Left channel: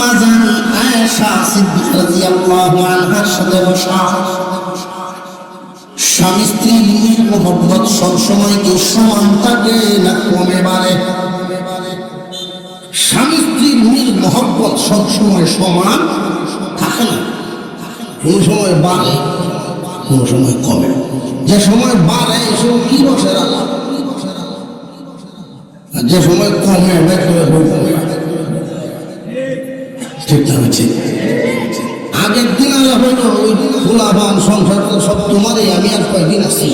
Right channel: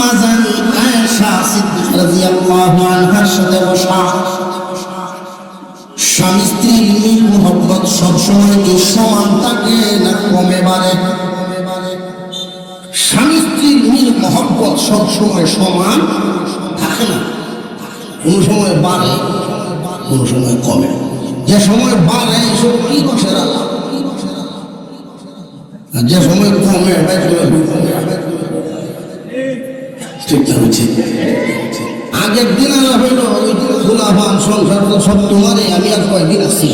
আম্মা জান আয়েশা সিদ্দিকা রাদিয়াল্লাহু আনহার সাথে বসা। স্বামী স্ত্রীর মহব্বত সবসময় কি সমান থাকে না কমে বাড়ে? স্বামী স্ত্রীর মহব্বত সবসময় সমান থাকে না, কোন সময় বাড়ে কোন সময় কমে। যে সময় বাড়ে এসব কি রসের আল্লাহ, আর যে সময় কমে ঠিক আছে। আগের দিন হইল ওই দিন দুলাবান সংসার সব তোমারই, আমি আর কয়েকদিন আছি,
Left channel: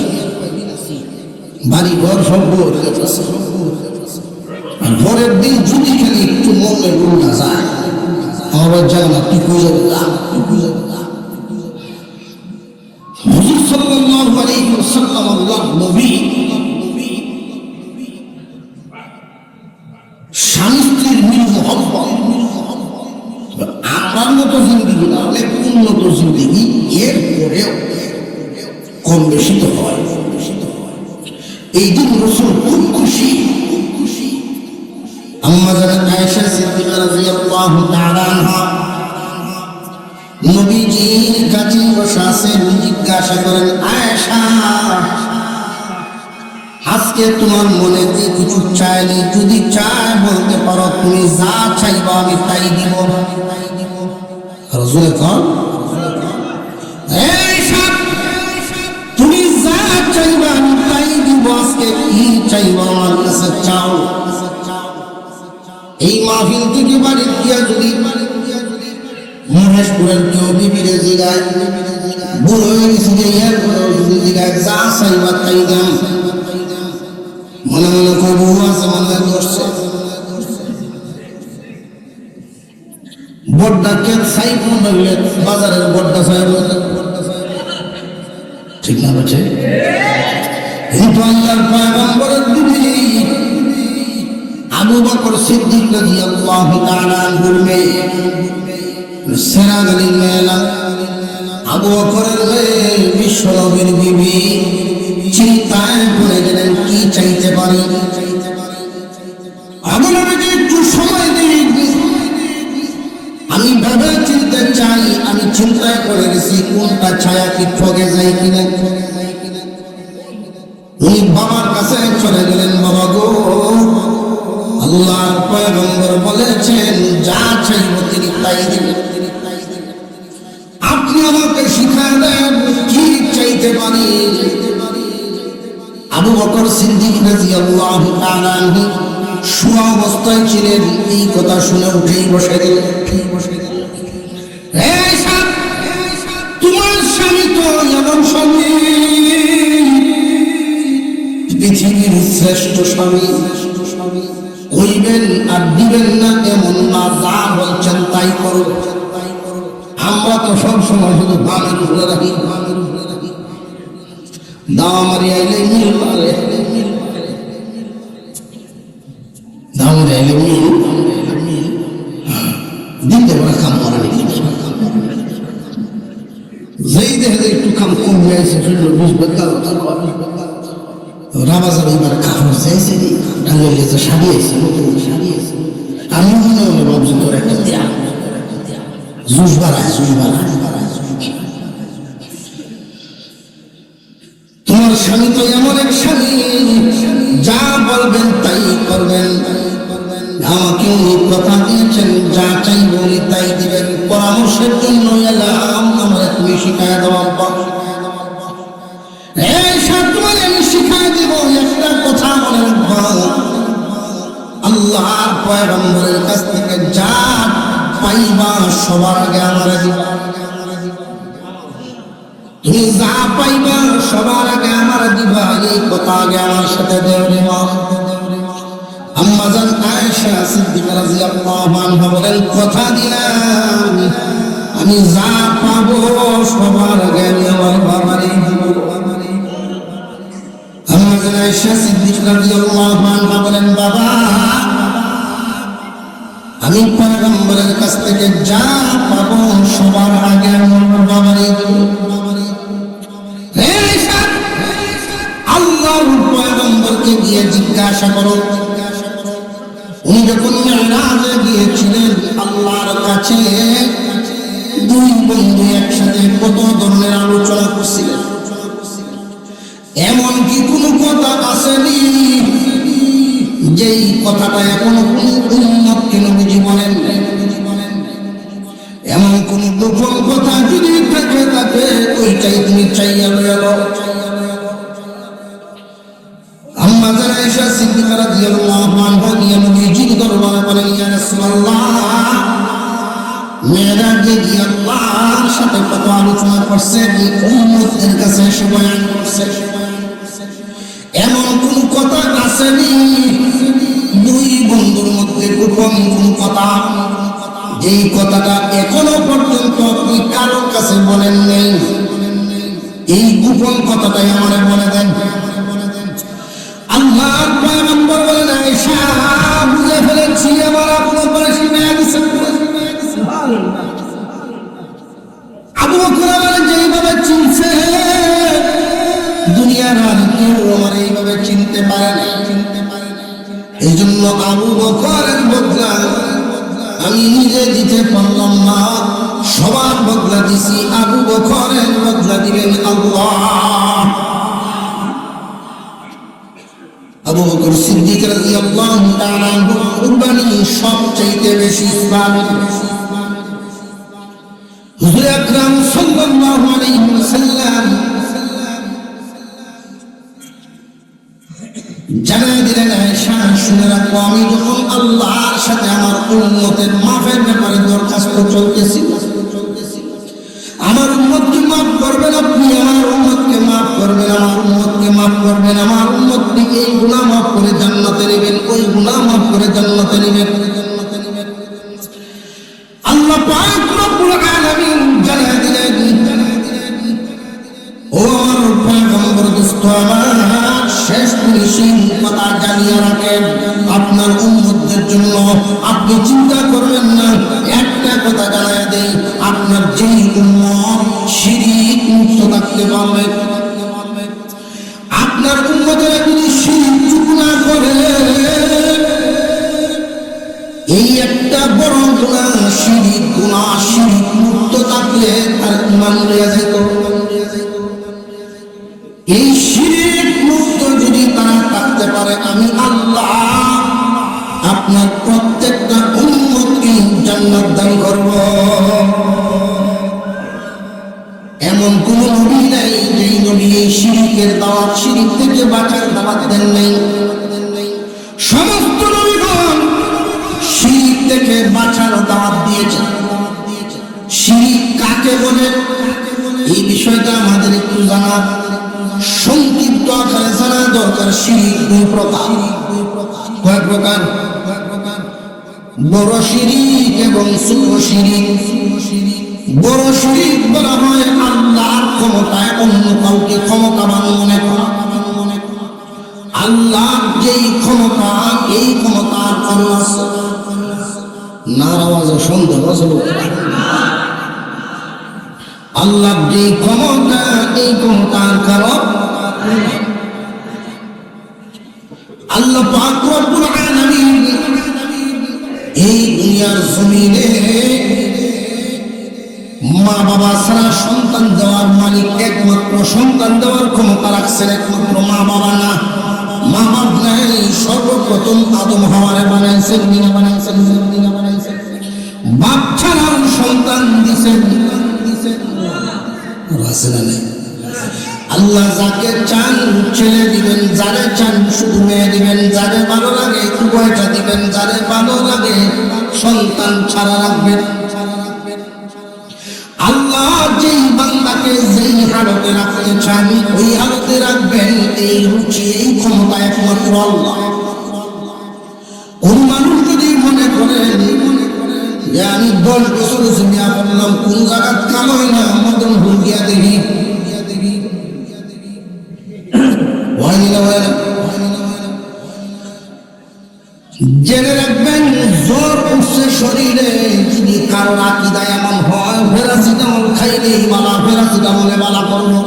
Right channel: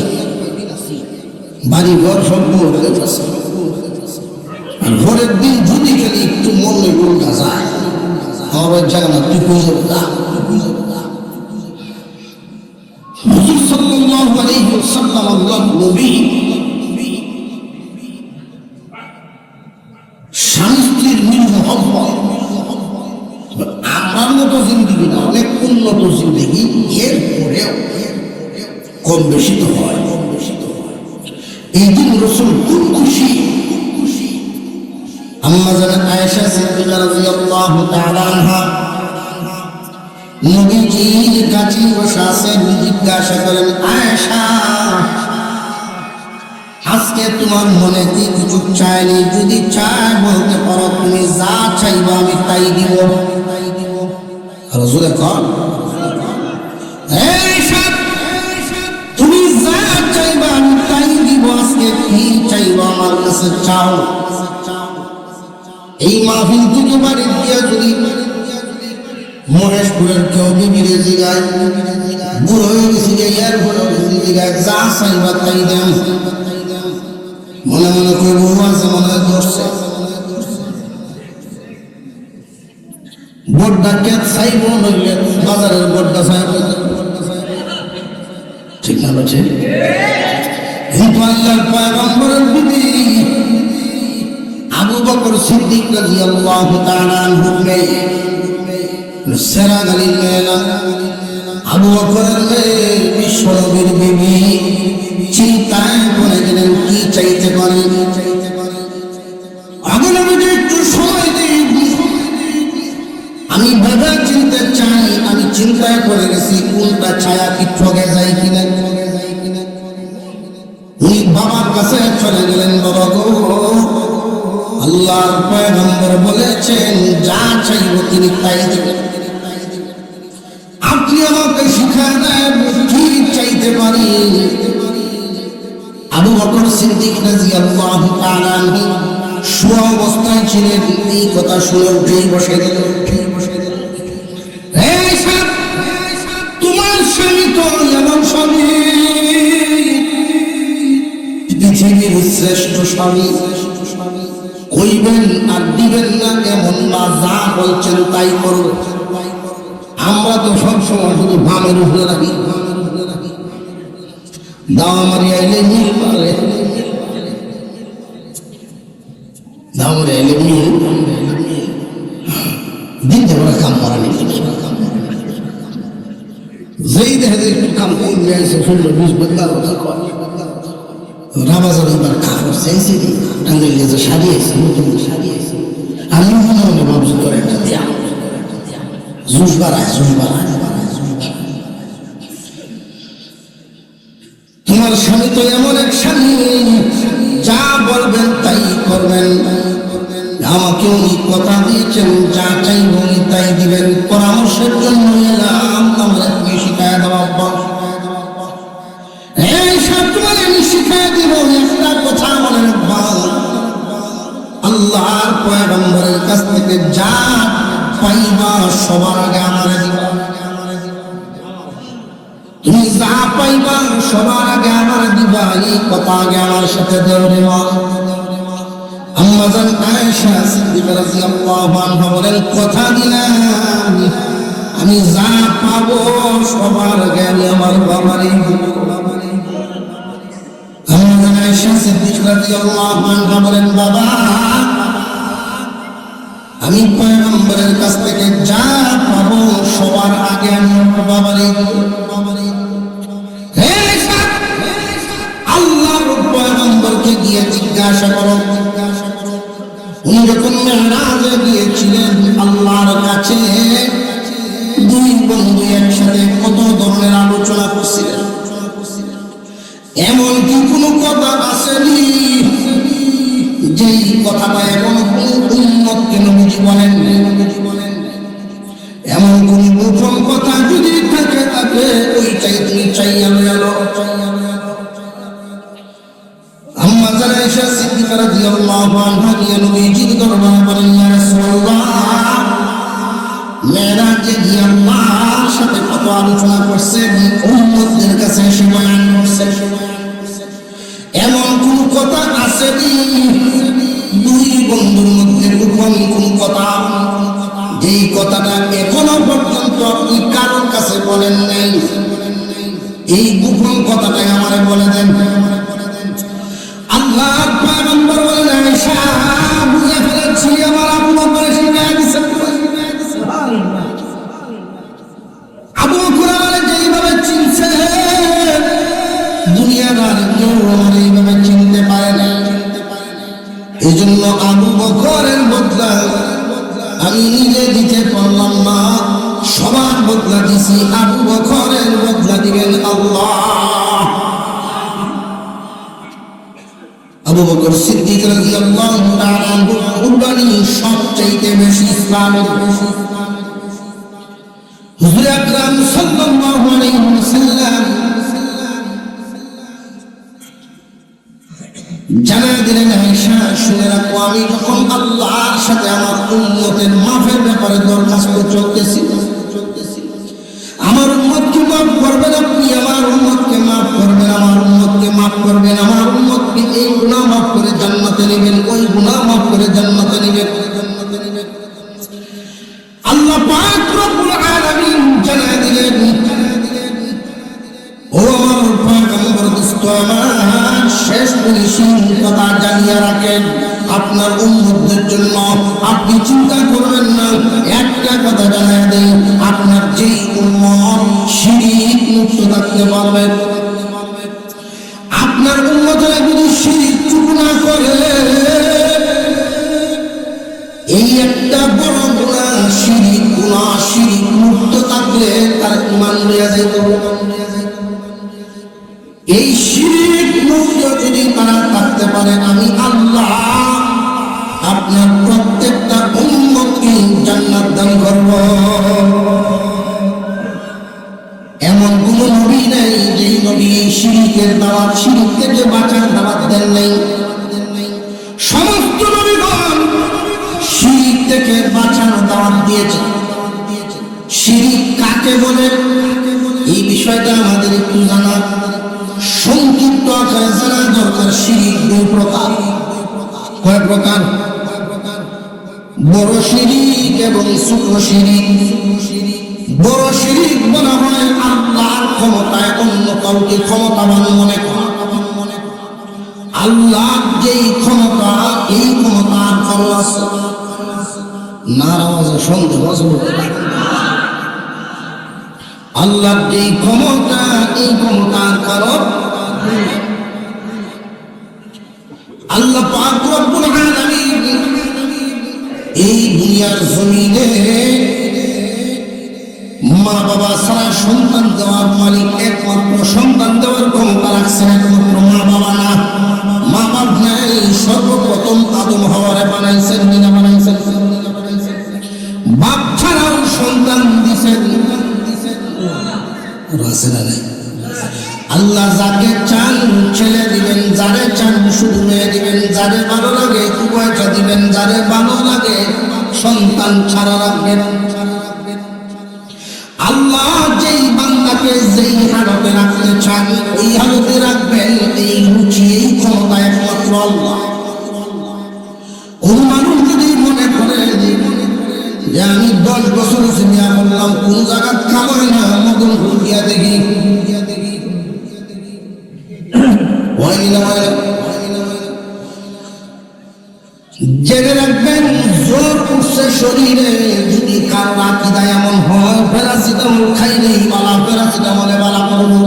বাড়ি ঘর সব আছে। আর পরের দিন যদি খালি একটু মনে উল্টা যায় আমার জায়গা কি বুঝে উঠলাম। হুজুর সাল্লাল্লাহু আলাইহি ওয়াসাল্লাম আল্লাহর নবী স্বামী স্ত্রীর মহব্বত আপনার মতো জিন্দেগি না, অনেক উন্নত জিন্দেগি, এরপরেও কম বেশি তো হয়। এই দিন রাসূল খুব খুশি। আম্মা জান আয়েশা সিদ্দিকা রাদিয়াল্লাহু তাআলা আনহা নবীজির কাছে বসে আছেন, জিজ্ঞাসা করেন, আয়েশা আজকে তোমার মনেতে কিছু চাইনি, যদি চাই বলতে পারো, তুমি যা চাইবা আমি তাই দিব। রাসূল কন, আয়েশা তুমি যা চাইবা আমি তাই দিব, আজকে কি চাইবা আমার কাছে চাও। এই মাহফিল থেকে বাড়ি দিয়া যদি মহেশপুরের কেউ বিবিরে জিগায়, বুড়ো হয়ে গেছি যে এর জিগায়, যা চাইবা তাই দেন। মনে মনে করবো আছে, মনে করছে বড্ডাকে চাইব নইলে বাজারের বড্ডা চাইব, ঠিক না বলছে? কিন্তু আল্লাহর পয়গম্বরের বিবি আবু বকর সিদ্দিক রাদিয়াল্লাহু তাআলা আনহুর মেয়ে সেরা গলিল আবু বকরের মেয়ে বিশ্বনবীর বিবি চিন্তায় পড়ে গেলেন, কি চাইতে পারে। আবু নবীকে একটু সময় দিন, আমি ভাবে চিনতে চাই, আমি চিন্তায় পড়ে গেছি কোনটা ছায়া কি ঠকে যায় কিনা। উনি বাবার কাছে চলে গেলেন, বাবা গো আল্লাহর পয়গম্বর বলেছেন যা চাইব তিনি তাই দিবেন, আপনি আমাকে শিক্ষা দেন কি চাইতে পারি। আবু বকর সিদ্দিক রাদিয়াল্লাহু তাআলা আনহু সুঅবস্থায় ছিলেন, এই কথা শুনে উঠেই বসে গেলেন। তোমার স্বামী তো এমন স্বামী, পৃথিবীর শ্রেষ্ঠ স্বামী, কইবেন আর দিবেন না এমন না, যা বলছেন তাই করো। আমরা তো সবসময় শুধু বামের উপরে রাখি, দামারি আইলে মিল পারে, দামারি আইলে মিল দিন দেবরা কাম করে যেই দেখে একটু কাম কমে আছে, শুনলো বিশ বদলাল রাবাজার এবার কাপড় চাইছে, টাঙ্গের লেজে সারিয়েছে, আমি মনে মনে ভাবছি জুস বাড়ায় জুস বাড়ায়। তোমার স্বামী তো এমন এক স্বামী, যা বলবেন তাই করবেন, আমাকে উনি কথা দিয়েছেন যা চাই উনি তাই দিবেন। পরামর্শের জন্য এলাম, আমরা তুমি শিখায় দেওয়া আল্লাহর পয়গম্বরের কাছ থেকে যা পাইবা সবার আগে আমার দিবা, তুমি যা পাইবা সবার আগে আমার দিবা, এই কথা আগে আমার সাথে দেওয়া। আম্মা জান আয়েশা সিদ্দিকা রাদিয়াল্লাহু আনহা বলেন, কথা দিলাম আমি যা পাবো সবার আগে আমি আমার বাবারই দিব। আম্মা জান আয়েশা সিদ্দিকা রাদিয়াল্লাহু আনহা বলেন, বাবা আমি পয়গম্বরের কাছ থেকে যা পাবো সবার আগে বাবারই আল্লাহর পয়গম্বরকে দিয়ে জিজ্ঞাসা করো, উনি যখন মেরাজে গিয়েছিলেন আল্লাহর কাছে কাছে দুই বন্ধু একসাথে কত ধরনের আলোচনা করছিলেন। এমন কি কোনো কথা আসেনি যেই কথাটা এখনো কোনো উম্মতকে নবীজি বলেন নাই? এমন কোন গোপন কথা যদি থেকে থাকে ওইটাই তুমি চাইয়া লইয়া লো। আম্মা যারা আয়েশা সিদ্দিকা রাদিয়াল্লাহু আনহা নিয়ে নবীজির দরবারে বলেন, ইয়া রাসূলুল্লাহ, মেরাজে গিয়ে আল্লাহর সাথে কত আলোচনা করছে, উম্মতদের কাছে এসে বয়ান করছে। এমন কোন কথা আসেনি দুই বন্ধুর মধ্যে গোপন কোন কথা, যেই কথাটা এখনো পর্যন্ত আপনি কারোর কাছে বলেন নাই? এই গোপন কথাটাই আমারে বলে দেন। আল্লাহর পয়গম্বর বললেন, আয়েশা বুঝে ফেলেছি, আমার আবু বকর শিখে গেছে। আবু বকর আমারে যেইভাবে চিনছে দুনিয়ার আর কেউ আমারে এইভাবে চিনতে পারে না। এই জন্য আবু বকরের বদলা আমি নিজে দিতে পারলাম না, সবার বদলা দিছি, আবু বকরের বদলা দিবেন আল্লাহ। আবু বকর সিদ্দিক রাদিয়াল্লাহু তাআলা কুরবানি সবচেয়ে বেশি ইসলামের। হুজুর আকরাম সাল্লাল্লাহু আলাইহি ওয়াসাল্লাম জানাই দিলেন, আয়েশা শুনে রাখো, আমি যখন আল্লাহর সাথে আমার উম্মতের মাফের ব্যাপারে দরখাস্ত চলতেছি, আমার উম্মতকে মাফ করবেন আপনি, আমার উম্মতকে মাফ করবেন, আমার উম্মতকে মাফ করবেন, আমার উম্মতকে এই গুনাহ মাফ করে জান্নাতে নেবেন, ওই গুনাহ মাফ করে জান্নাতে নেবেন। আল্লাহ পাক রব্বুল আলামিন জানাই দিলেন, ও আমার পয়গম্বর দোস্ত আমার, শেষ ফিনিশিং কথা জানিয়ে রাখেন, আপনার উম্মতদের জন্য আপনি চিন্তা করবেন না। একটা কথা জানাই দেই, আপনার যেই উম্মত শিরক মুক্ত থাকতে পারবে, আপনার উম্মতেরা যদি শিরক চুপ না করে, এই একটা বড় গুনাহ, শিরক গুনাহ, শিরক মুক্ত থাকলে তার ঈমান রয়ে যেত। এই শিরক মুক্ত যদি তারা থাকতে পারে, আমি আল্লাহ আপনার প্রত্যেকটা উম্মতকে জান্নাত দান করব। এমন কোন নবী নাই যেই নবী এই শিরকের দাওয়াত, শিরক থেকে বাঁচার দাওয়াত দেন নাই। সমস্ত নবীগণ শিরক থেকে বাঁচার দাওয়াত দিয়েছে। শিরক কাকে বলে এই বিষয়টা আমাদের একটু জানা, সংক্ষিপ্ত আকারে জানা দরকার। শিরক দুই প্রকার। কয় প্রকার? বড় শিরক এবং ছোট শিরক। বড় শিরক বলা হয় আল্লাহর ক্ষমতায় অন্য কাউকে ক্ষমতাবান মনে করা। আল্লাহ যেই ক্ষমতা, এই ক্ষমতার আল্লাহ নারাজ সন্দেহ। আল্লাহ যেই ক্ষমতা, এই ক্ষমতার কারণ আল্লাহ পাক রব্বুল আলামিন এই দুনিয়ার জমিনে মা বাবা ছাড়া সন্তান দেওয়ার মালিক, একমাত্র সন্তান দেওয়ার ক্ষমতা রাখছেন একমাত্র মা বাবা না। মা বাপ নাই, সর্বপ্রথম আদম হাওয়ারে বানাইছেন, বাপ ছাড়াও সন্তান দিছেন। আল্লাহ যাকে চান ছেলে দিবেন, যারে চান শুধু মেয়ে দিবেন, যারে ভালো লাগে উভয়টা দিবেন, যারে ভালো লাগে সন্তান ছাড়া রাখবেন। আল্লাহ যেই বান্দাকে যেই হালতে রাখতে চান ওই হালতে রাখবেন। এই রুচি, এই ক্ষমতা একমাত্র আল্লাহ। ওই মানুষ যদি মনে করেন যে আমি 10 বছর জমিয়া করলাম, কোন জায়গা কালো হয় না, মতন ভুলিয়া দেখি জেনে রাখবেন, জ্বর উঠছে শরীরে, যদি কারো আকিদা এমন হয় প্যারাসিটামল খাইলেই বালা, প্যারাসিটামলে বালা করবো।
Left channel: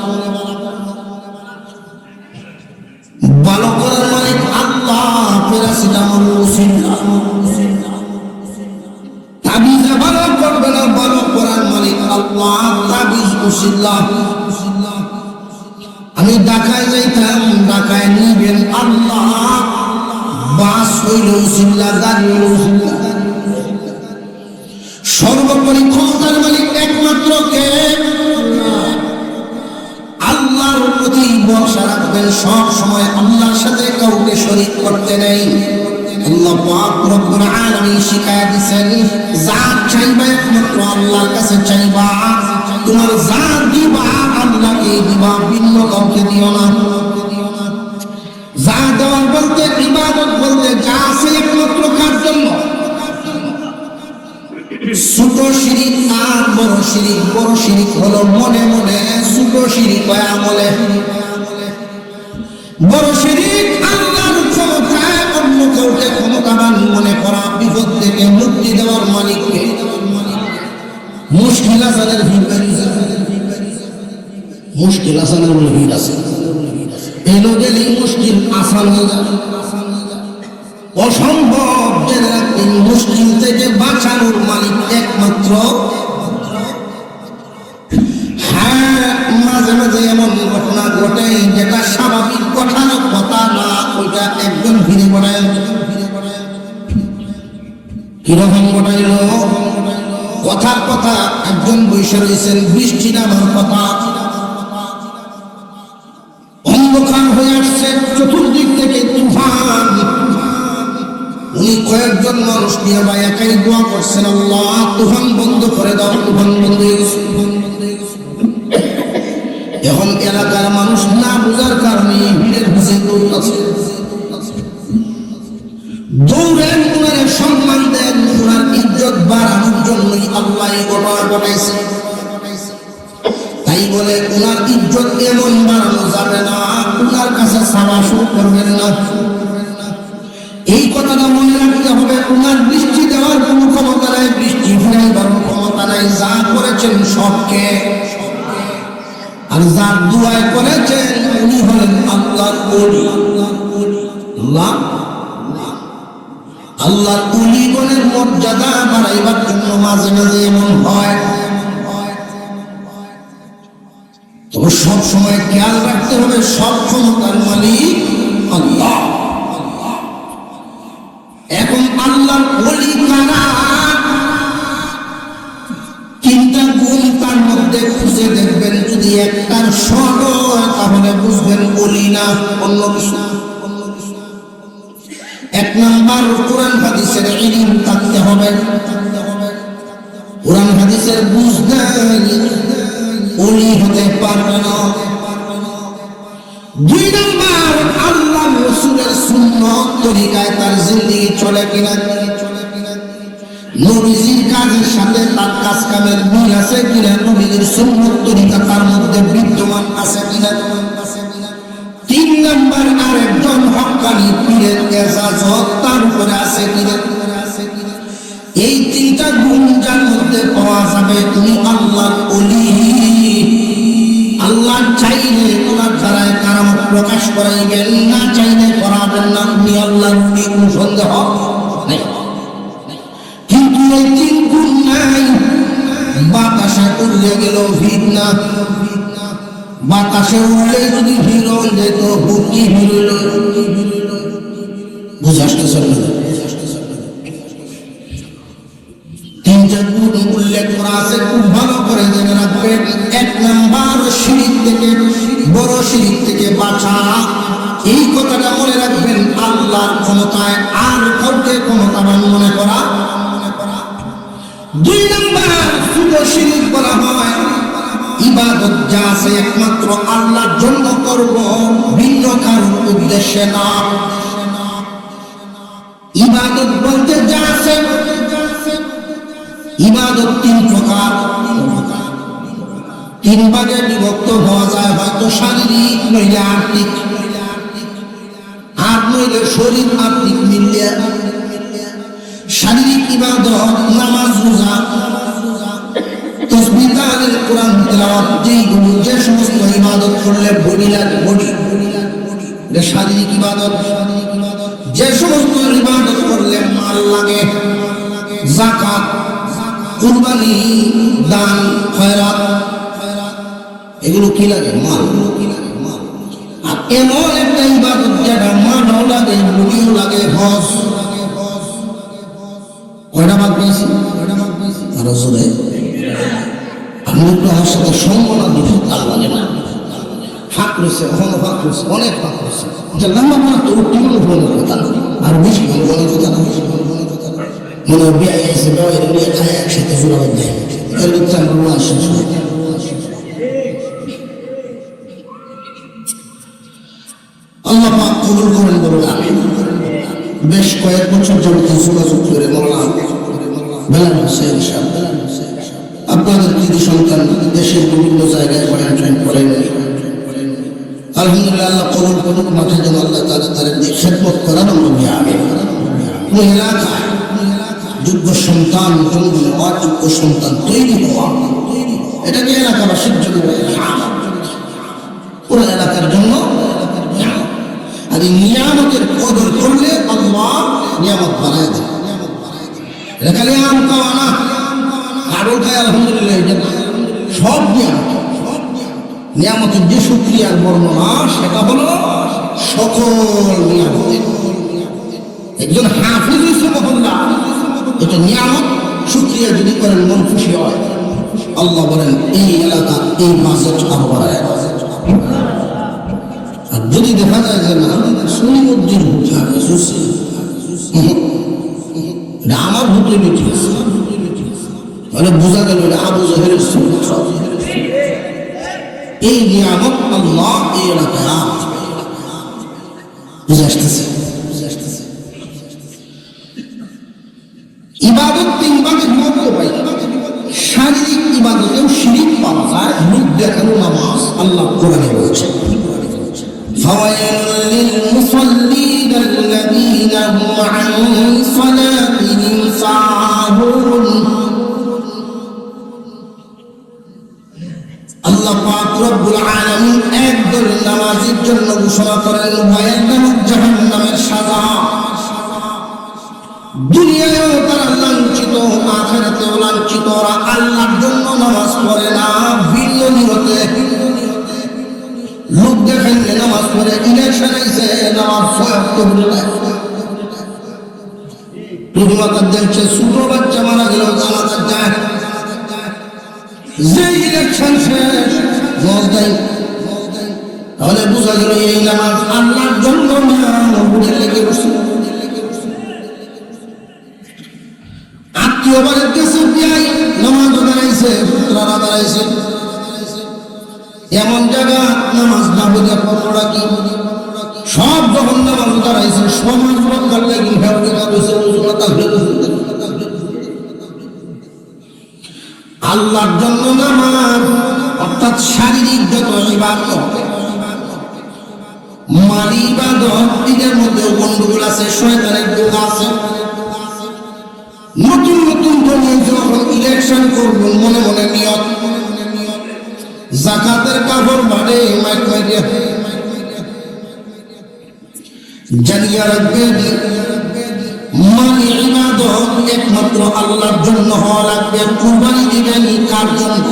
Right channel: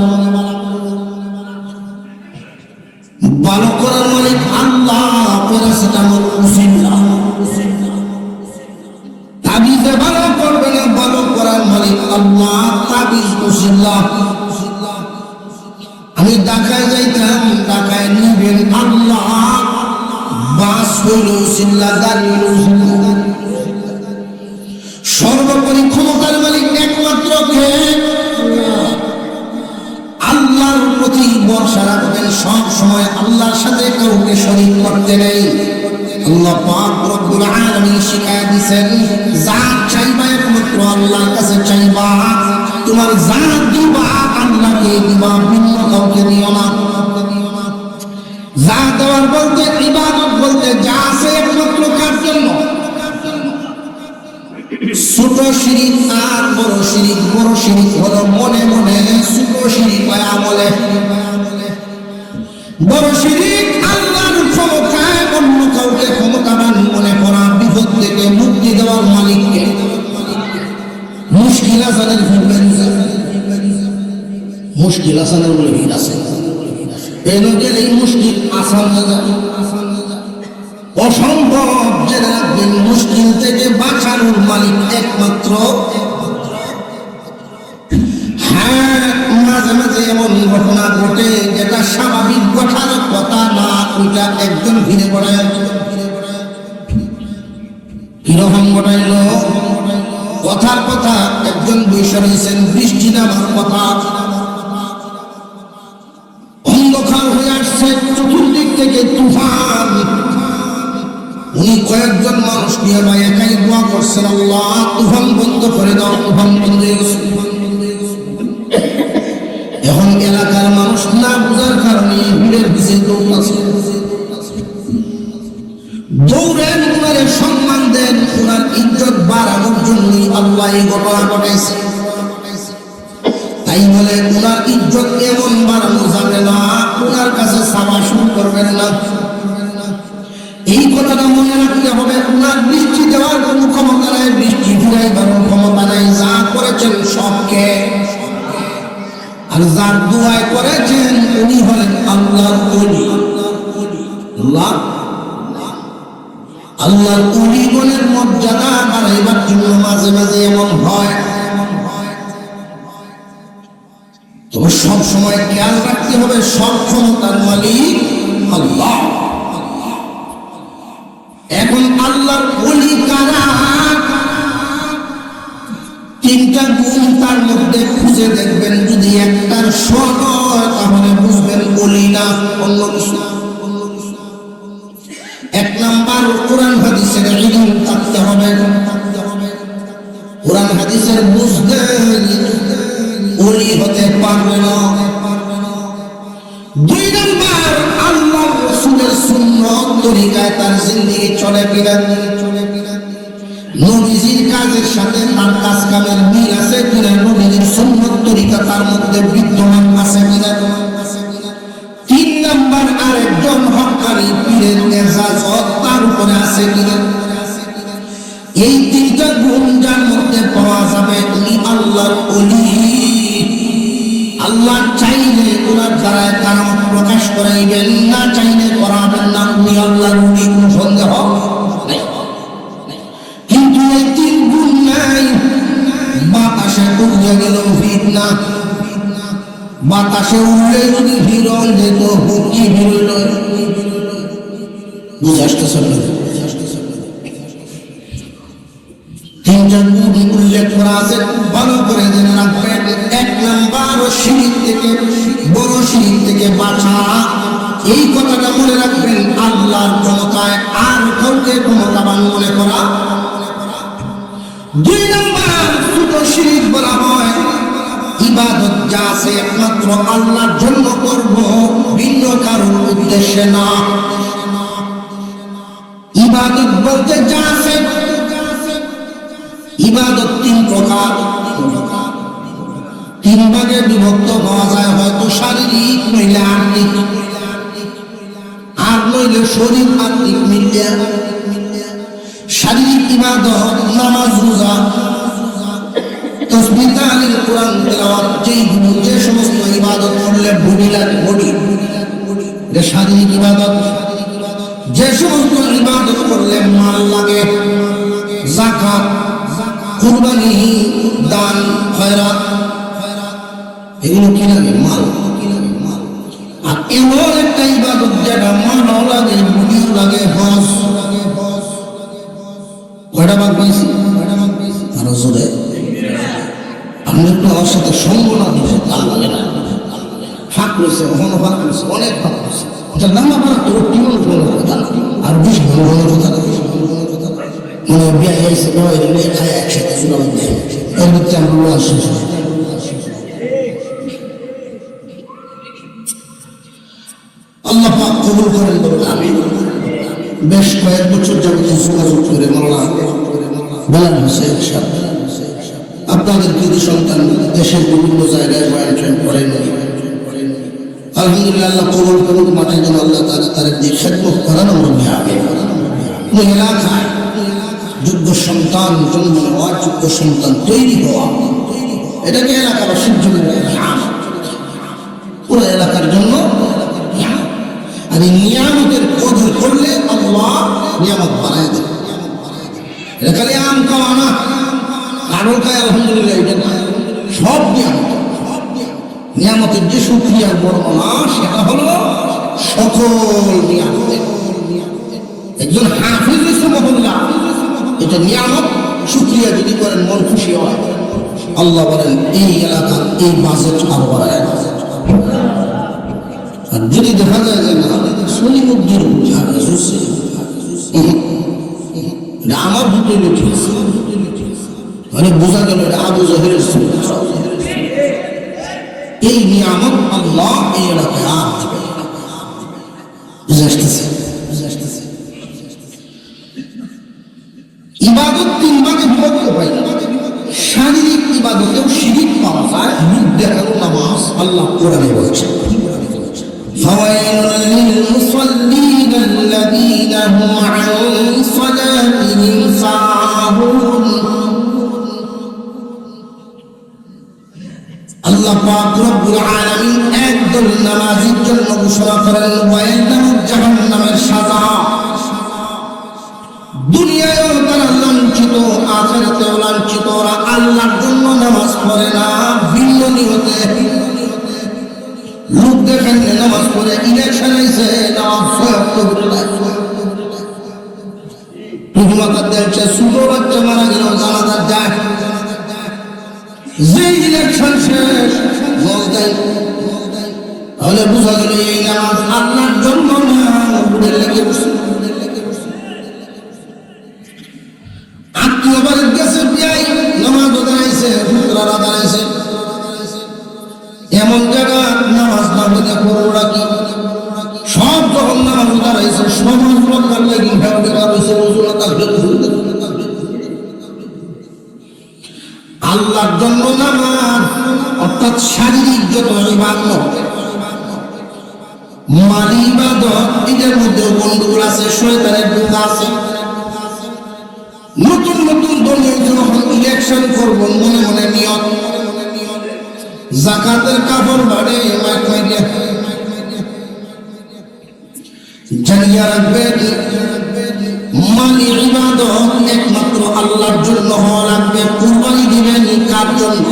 ভালো করার মালিক আল্লাহ, প্যারাসিটামল ওষুধ না। তাবিজে ভালো করবো আল্লাহ তাবিজ উসিলা আমি ঢাকায় যাইতাম ঢাকায় নেবেন আল্লাহ বাস হইল উসিলা গাড়ি হইল সর্বোপরি ক্ষমতার মালিক একমাত্র কে আল্লাহর প্রতি ভরসা রাখবেন সব সময় আল্লাহর সাথে কাউকে শরীক করতে নেই আল্লাহ পাক রব্বুল আলামিন শিখায়া দিয়েছেন যা চাইবা একমাত্র আল্লাহর কাছে চাইবা তোমার যা দিবা আল্লাহকে দিবা ভিন্ন কাউকে দিও না যা দেওয়ার বলতে ইবাদত বলতে যা আছে একমাত্র কার জন্য ছোট শিরিক আর বড় শিরিক হলো মনে মনে ছোট শিরিক হয় আমলে বড় শিরিক আল্লাহর ক্ষমতায় অন্য কাউকে ক্ষমতাবান মনে করা বিপদ থেকে মুক্তি দেওয়ার মালিককে মুশকিল আসানের মুশকিল আসানের উল্লেখ আছে এই লোকের এই মুশকিল আসান হয়ে যাবে অসম্ভব জেনে রাখবেন মুশকিল থেকে বাঁচানোর মালিক একমাত্র হ্যাঁ মাঝে মাঝে এমন ঘটনা ঘটে যেটা স্বাভাবিক ঘটনার কথা না ওইটা একদম ভিড়ে পড়ায় কিরকম ঘটাইল কথার কথা একজন বৈশা রয়েছেন বৃষ্টি নামার কথা অন্ধকার হয়ে আসছে চতুর্দিক থেকে তুফান উনি কয়েকজন মানুষ নিয়ে বা একাই দোয়া করছেন আল্লাহ তুফান বন্ধ করে দাও তুফান বন্ধ হয়ে গেছে এখন এলাকার মানুষ না বোঝার কারণে ভিড়ের ভিজে দৌড়াচ্ছে দৌড়েন ওনার সম্মান দেন ওনার ইজ্জত বাড়ানোর জন্যই আল্লাহ এই ঘটনা ঘটাইছে তাই বলে ওনার ইজ্জত এমন বাড়ানো যাবে না ওনার কাছে সামাসুর করবেন না এই কথাটা মনে রাখতে হবে ওনার বৃষ্টি দেওয়ার কোনো ক্ষমতা নাই বৃষ্টি ফেরাইবার ক্ষমতা নাই যা করেছেন সবকে আর যার দোয়া করেছেন উনি হলেন আল্লাহর ওলি আল্লাহর ওলি বলে মর্যাদা বাড়াইবার জন্য মাঝে মাঝে এমন হয় তবে সব সময় খেয়াল রাখতে হবে সব ক্ষমতার মালিক আল্লাহ এখন আল্লাহর ওলি কারা তিনটা গুণ তার মধ্যে খুঁজে দেখবেন যদি একটার সঙ্গ তাহলে বুঝবেন ওলি না অন্য কিছু এক নাম্বার কোরআন হাদিসের ইলম থাকতে হবে কোরআন হাদিসের বুঝতে ওলি হতে পারবে না দুই নাম্বার আল্লাহ রাসূলের সুন্নাত তরিকায় তার জিন্দেগি চলে কিনা নবীজির কাজের সাথে তার কাজ কামের মিল আছে কিনা নবীজির সুন্নাত তরিকা তার মধ্যে বিদ্যমান আছে কিনা তিন নাম্বার আরেকজন হক্কানি পীরের এজাজত তার উপরে আছে কিনা এই তিনটা গুণ যার মধ্যে পাওয়া যাবে তুমি আল্লাহর ওলি আল্লাহ চাইলে ওনার দ্বারায় কারামত প্রকাশ করাইবেন না চাইলে করাবেন না আপনি আল্লাহর ওলি কোন সন্দেহ নেই কিন্তু এই তিন গুণ নাই বাতাসে উড়ে গেল ভিড় না বাতাসে উড়লে যদি ভিড় হয়ে যেত হুকি ভিড় বুঝাতে চলবে তিনটা গুণ উল্লেখ করা আছে ভালো করে জেনে রাখবেন এক নাম্বার শিরিক থেকে বড় শিরিক থেকে বাঁচা এই কথাটা মনে রাখবেন আল্লাহর ক্ষমতায় আর কাউকে ক্ষমতাবান মনে করা দুই নাম্বার ছোট শিরিক বলা হয় ইবাদত যা আছে একমাত্র আল্লাহর জন্য করব ভিন্ন কারণ উদ্দেশ্যে না ইবাদত বলতে যা আছে ইবাদত তিন প্রকার তিন ভাগে বিভক্ত হওয়া যায় হয়তো শারীরিক নইলে আত্মিক আর নইলে শরীর আত্মিক মিললে শারীরিক ইবাদত নামাজ রোজা তাসবিহ তাহলিল কোরআন তেলাওয়াত যে সমস্ত ইবাদত করলে বডি লাগে বডি যে শারীরিক ইবাদত যে সমস্ত ইবাদত করলে মাল লাগে যাকাত কুরবানি দান খয়রাত এগুলো কি লাগে? মাল। আর এমন একটা ইবাদত যেটা মানও লাগে, বুঝিও লাগে, হজ। কয়টা ভাগ পেয়েছি? আরো জোরে। আমি একটু আমার সাথে সঙ্গ না দিচ্ছি, তার মানে না ফাঁক রয়েছে, ওখানে ফাঁক রয়েছে, অনেক ফাঁক রয়েছে। লম্বা করা তো কেমন বলে কথা আর বেশি বলে কথা মনে বিয়ে এসে বয়ের বিয়ে খায় একসাথে জোড়া দেয় এর মধ্যে আপনার শেষ হয়। আল্লাহ পাক কবুল করেন বলুন আমিন। বেশ কয়েক বছর যাবত যোগাযোগ করে মোল্লা আপনাদের কিছু সন্তান দেশের বিভিন্ন জায়গায় পয়েন্ট করেন। আলহামদুলিল্লাহ কবল করুক, মাঠে যেন আল্লাহ তাদের দিয়ে খেদমত করানো হবে। কোন এলাকায় যোগ্য সন্তান জন্ম অযোগ্য সন্তান তৈরি হওয়া, এটাকে এলাকাবাসীর জন্য পুরো এলাকার জন্য। আর এই নিয়ামতের কদর করলে আল্লাহ নিয়ামত বানায় দেয়। এটা খালি আম খাওয়া না, আরো খায় আলহামদুলিল্লাহ, এটা সব নিয়ামত। নিয়ামতের যে শুকরিয়ার বর্ণনা সেটা হলো সকল নিয়ামত। একজন হাফিজ মহল্লা এটা নিয়ামত শুকরিয়া যদি করেন মন খুশি হয়। আল্লাহ বলেন এই এলাকা এই বাজেট আরো বাড়ায়। আর যদি দেখা যায় যে না শুনি উদ্দিন আমার ভূতে লিখেছে, আরে বোঝা গেল এটা আবু জাহেলের এই নিয়ামত আল্লাহ এই এলাকায় বুঝে আসতেছে। ইবাদত তিন ভাগে বিভক্ত হয়। শারীরিক ইবাদতেও শিরিক পাওয়া যায়, মুখ দেখানো নামাজ আল্লাহ কোরআনে বলেছে ফাওয়াইলুল লিল মুসাল্লিন আল্লাযীনা হুম আন সালাতিহিম সাহুন। আল্লাহ পাক রব্বুল আলামিন একদল নামাজের জন্য ঘোষণা করেন ওয়াইলুন জাহান্নামের সাজা। দুনিয়ায়ও তারা লাঞ্ছিত, আখিরাতেও লাঞ্ছিত। ওরা আল্লাহর জন্য নামাজ পড়ে না, ভিন্ন নিয়তে লোক দেখেন নামাজ পড়ে, ইলেকশন এসে নামাজ সব করে দেয়। মাতার দেখছে ছোট বাচ্চা মারা গেল জানাজার যায়, যে ইলেকশন শেষ মল দেয়। তাহলে বুঝা গেল এই নামাজ আল্লাহর জন্য না, উড়ে লেগে বসে। আত্মীয় বাড়ির কাছে নামাজ দাঁড়াইছে, পুত্রারা দাঁড়াইছে, এমন জায়গা নামাজ না হলে করোনা কি সব যখন নামাজ দাঁড়াইছে সমাজ রক্ষার লাগি আল্লাহর জন্য নামাজ অর্থাৎ শারীরিক যত ইবাদত মালি ইবাদত এর মধ্যে গন্ডগোল আছে, শয়তানের ধোঁকা আছে। নতুন নতুন দলে যখন ইলেকশন করবেন মনে মনে নিয়ত যাকাতের কাপড় বাড়ে মাইক মাইকে জানিয়ে রাখবেন মালি ইবাদত একমাত্র আল্লাহর জন্য হওয়া লাগবে। কুরবানি দিবেন কার জন্য?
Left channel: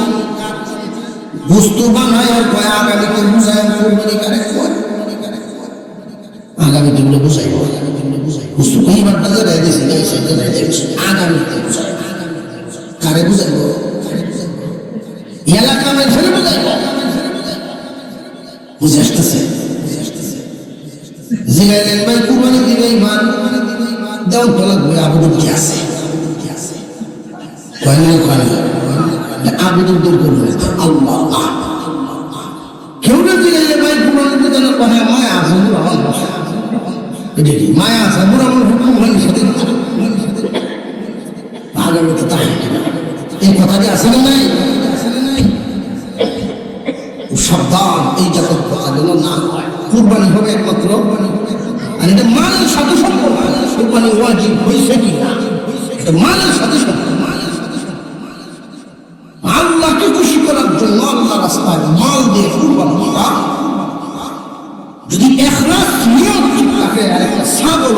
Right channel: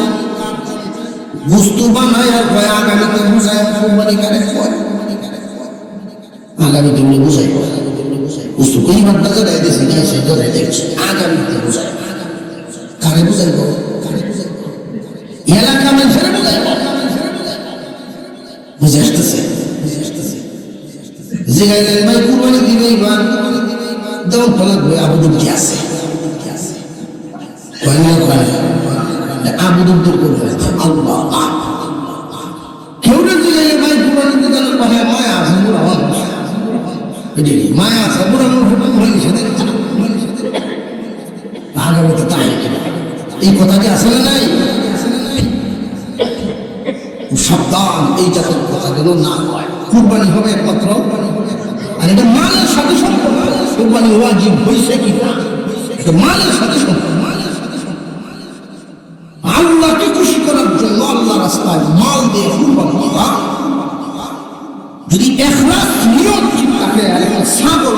বস্তু বানায় আগামীতে বুঝায় কুরবানি কারে হয়, আগামীতে বুঝাই বস্তু পরিবার টাকা দেয় দিয়েছে না সেটা দেখছি আগামীতে বুঝাই কারে বুঝাইব? এলাকা মেনশনে বুঝাইব। বুঝে আসতেছে যে গাইলেন ভাই কুরবানি দিবে এবার দাও তো লাগবে আবুদুর কি আছে আবুদুর করবে আল্লাহ কেউ না দিলে ভাই কুরবানি দিতে পারে মায়া আছে মায়া আছে বুড়া বুড়া সাথে আগামীতে তাই এই কথাটি আসলে নাই। সাবধান এই জাতের কথা যেন না হয়। কুরবানি হবে একমাত্র, আর এটা মালের সাথে সম্পর্ক। কুরবানি ওয়াজিব হয়েছে কি না এটা মালের সাথে সম্পর্ক। আল্লাহকে খুশি করার জন্য আল্লাহ রাস্তায় মাল দিয়ে কুরবানি করা যদি ইখলাস নিয়ত ঠিক থাকে ছাগল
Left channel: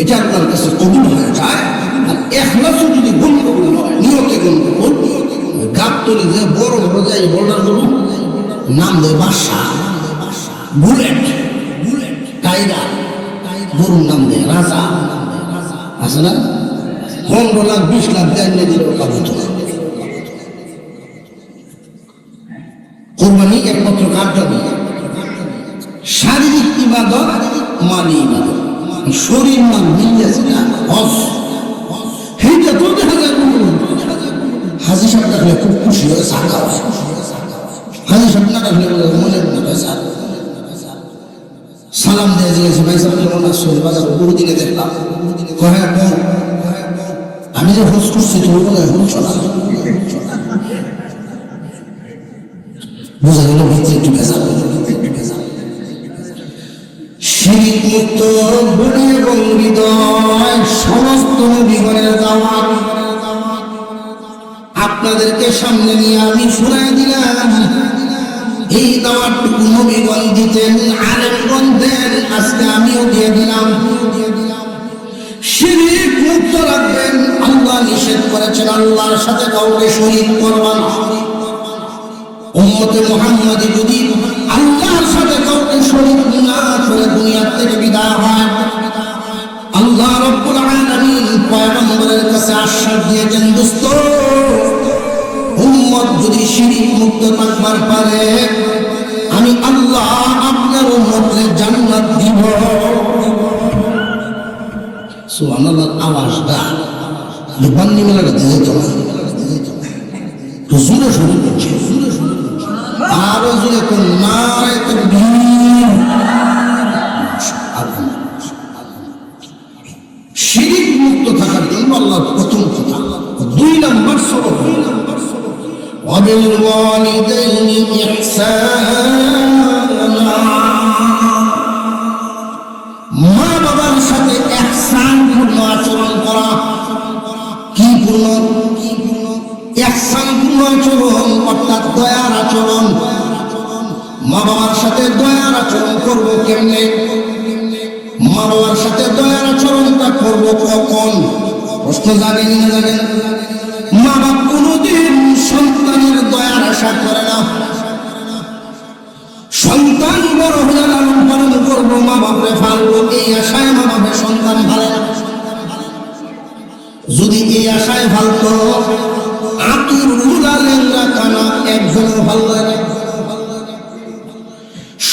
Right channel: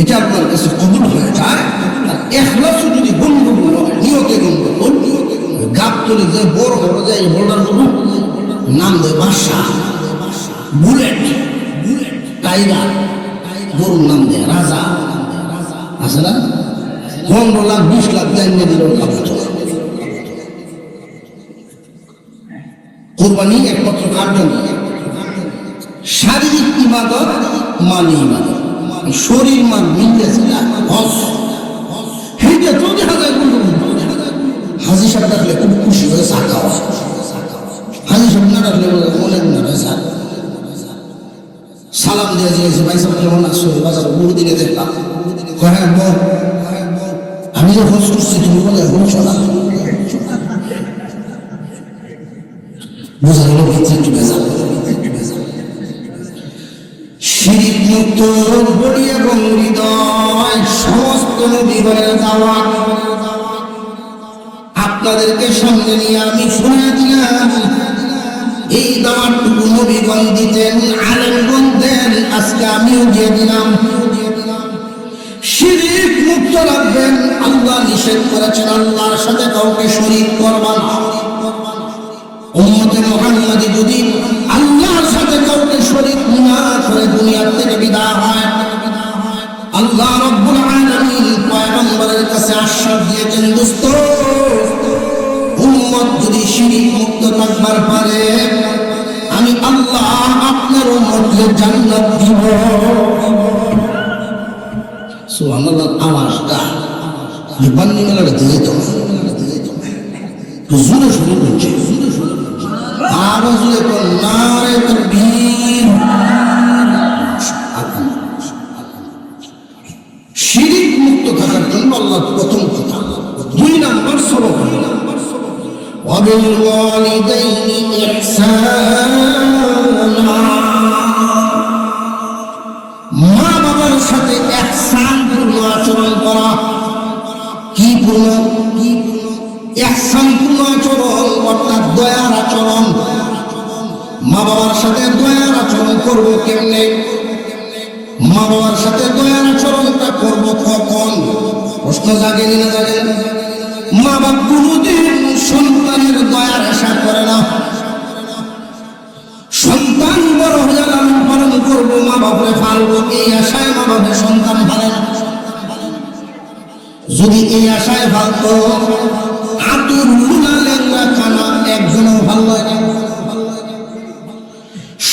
এটা আল্লাহর কাছে কবুল হয়ে যায়। আর ইখলাস যদি গন্ডগোল হয় নিয়তে গন্ডগোল এই বোল্ডার গুলো নাম দেয় বাদশা, বুলেট, টাইগার, গরুর নাম দেয় রাজা, আছে না? 15 লাখ 20 লাখ দেয় দিলেও কাপড় চলে। কোরবানি একমাত্র কার জন্য? শারীরিক ইবাদত, মালি ইবাদত, শরীর মান মিলে আছে না? হজ সেইটা তো দেখা যায়। হাজি সাহেব রাখলে খুব খুশি হয়ে সাকা হয়, হাজি সাহেব না রাখলে মনে মনে সালাম দিয়ে দিয়েছে, ভাই সাহেব কেমন আসছো, বহুদিনে দেখলাম, আমি যে হজ করছি তুমি বলে বোঝা গেল ভিতরে একটু বেজাল। শিরিক মুক্ত অন্তরে এবং হৃদয় সমস্ত নবীগণের দাওয়াত আপনাদেরকে সামনে নিয়ে আমি শোনাই দিলাম। এই দাওয়াতটুকু নবীগণ দিতেন, আলেমগণ দেন, আজকে আমিও দিয়ে দিলাম। শিরিক মুক্ত রাখবেন। আল্লাহ নিষেধ করেছেন আল্লাহর সাথে কাউকে শরীক করবা না। উম্মতে মুহাম্মাদি যদি আল্লাহর সাথে কাউকে শরীক না করে দুনিয়া থেকে বিদায় হয়, আল্লাহ রাব্বুল আলামিন পয়গম্বরের কাছে আশ্বাস দিয়েছেন, দোস্ত উম্মত যদি শিরিক মুক্ত থাকবার পারে আমি আল্লাহ আপনার উম্মতকে জান্নাত দিব। সুবহানাল্লাহ। আওয়াজটা বান্নি মেলাটা দিলে তো জোরে শুরু করছে, আওয়াজ এখন নারায়ে তাকবীর। শিরিক মুক্ত থাকার জন্য আল্লাহর প্রথম কথা। 2 নম্বর সবক ওয়াবিল ওয়ালিদাইনি ইহসানা, মা বাবার সাথে ইহসানপূর্ণ আচরণ করা। কি পূর্ণ? ইহসানপূর্ণ আচরণ অর্থাৎ দয়ার আচরণ। মা বাবার সাথে দয়ার আচরণ করবো কেমনে? মা বাবার সাথে দয়ার আচরণটা করবো কখন? প্রশ্ন জাগেনি না জাগেন? মা বাবা কোনোদিন সন্তানের দয়ার আশা করে না। সন্তান বড় হলে লালন পালন করবো, মা বাপরে ফালবো, এই আশায় মা বাপের সন্তান ফালে। যদি এই আশায় ফালতো আতুর উড়ালেন না কানা একজনও ভালো হয় না।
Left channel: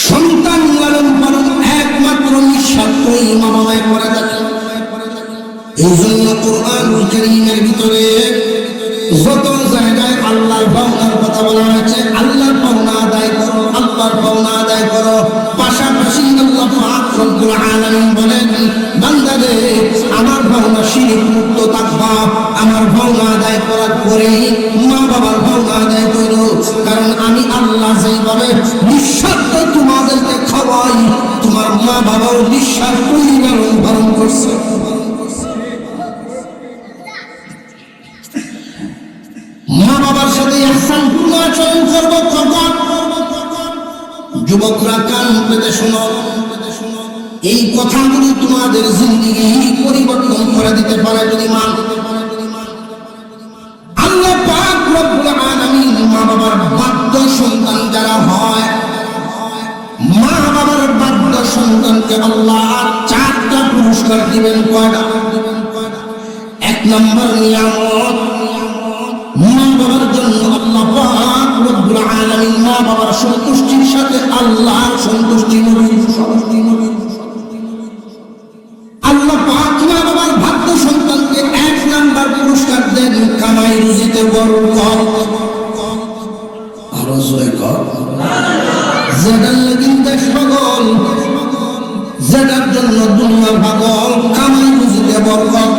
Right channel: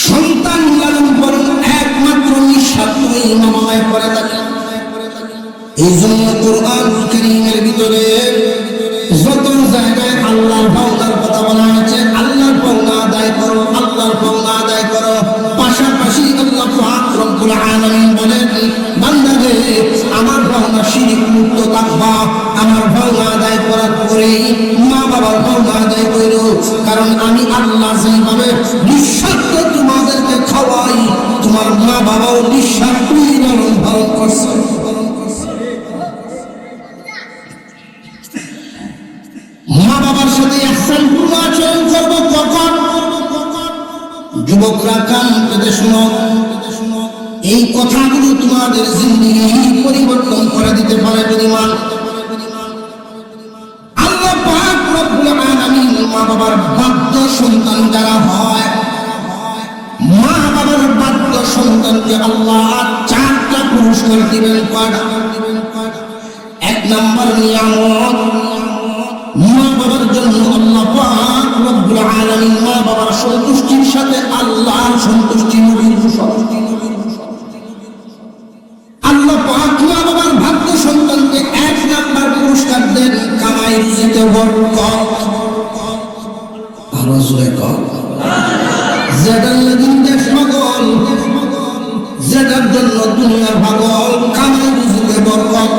সন্তান লালন পালন একমাত্র নিঃস্বার্থই মা বাবায় করে থাকে। এই জন্য কোরআন কারীমের ভিতরে যত জায়গায় আল্লাহর পাওনার কথা বলা হয়েছে, আল্লাহর পাওনা আদায় করো, আল্লাহর পাওনা আদায় করো। পাশাপাশি আল্লাহ পাক রব্বুল আলামিন বলেন, বান্দাদের আমার পাওনা শিরিক মুক্ত থাকবা, আমার পাওনা আদায় করার পরে মা বাবার পাওনা আদায় করো। কারণ আমি আল্লাহ যেভাবে নিঃস্বার্থ তোমাদেরকে খাওয়াই, তোমার মা বাবার নিঃস্বার্থই লালন পালন করছে। মা বাবার সাথে ইহসানপূর্ণ আচরণ করবো কখন? যুবকরা কান পেতে শোনো, এই কথাগুলো তোমাদের জিন্দেগি পরিবর্তন করে দিতে পারে যদি মান। আল্লাহ পাক রব্বুল আলামিন মা বাবার বাধ্য সন্তান যারা হয়, মা বাবার বাধ্য সন্তানকে আল্লাহ 4টা পুরস্কার দিবেন। কয়টা? 1 নম্বর নিয়ামত, মা বাবার জন্য আল্লাহ পাক রব্বুল আলামিন মা বাবার সন্তুষ্টির সাথে আল্লাহর সন্তুষ্টি নবীর সন্তুষ্টি। আল্লাহ পাক মা বাবার ভাগ্য সন্তানকে 1 নম্বর পুরস্কার দেন কামাই রুজিতে বরকত। আরো জোরে কর। যেটার লাগি দেশ পাগল, যেটার জন্য দুনিয়া পাগল, কামাই রুজিতে বরকত।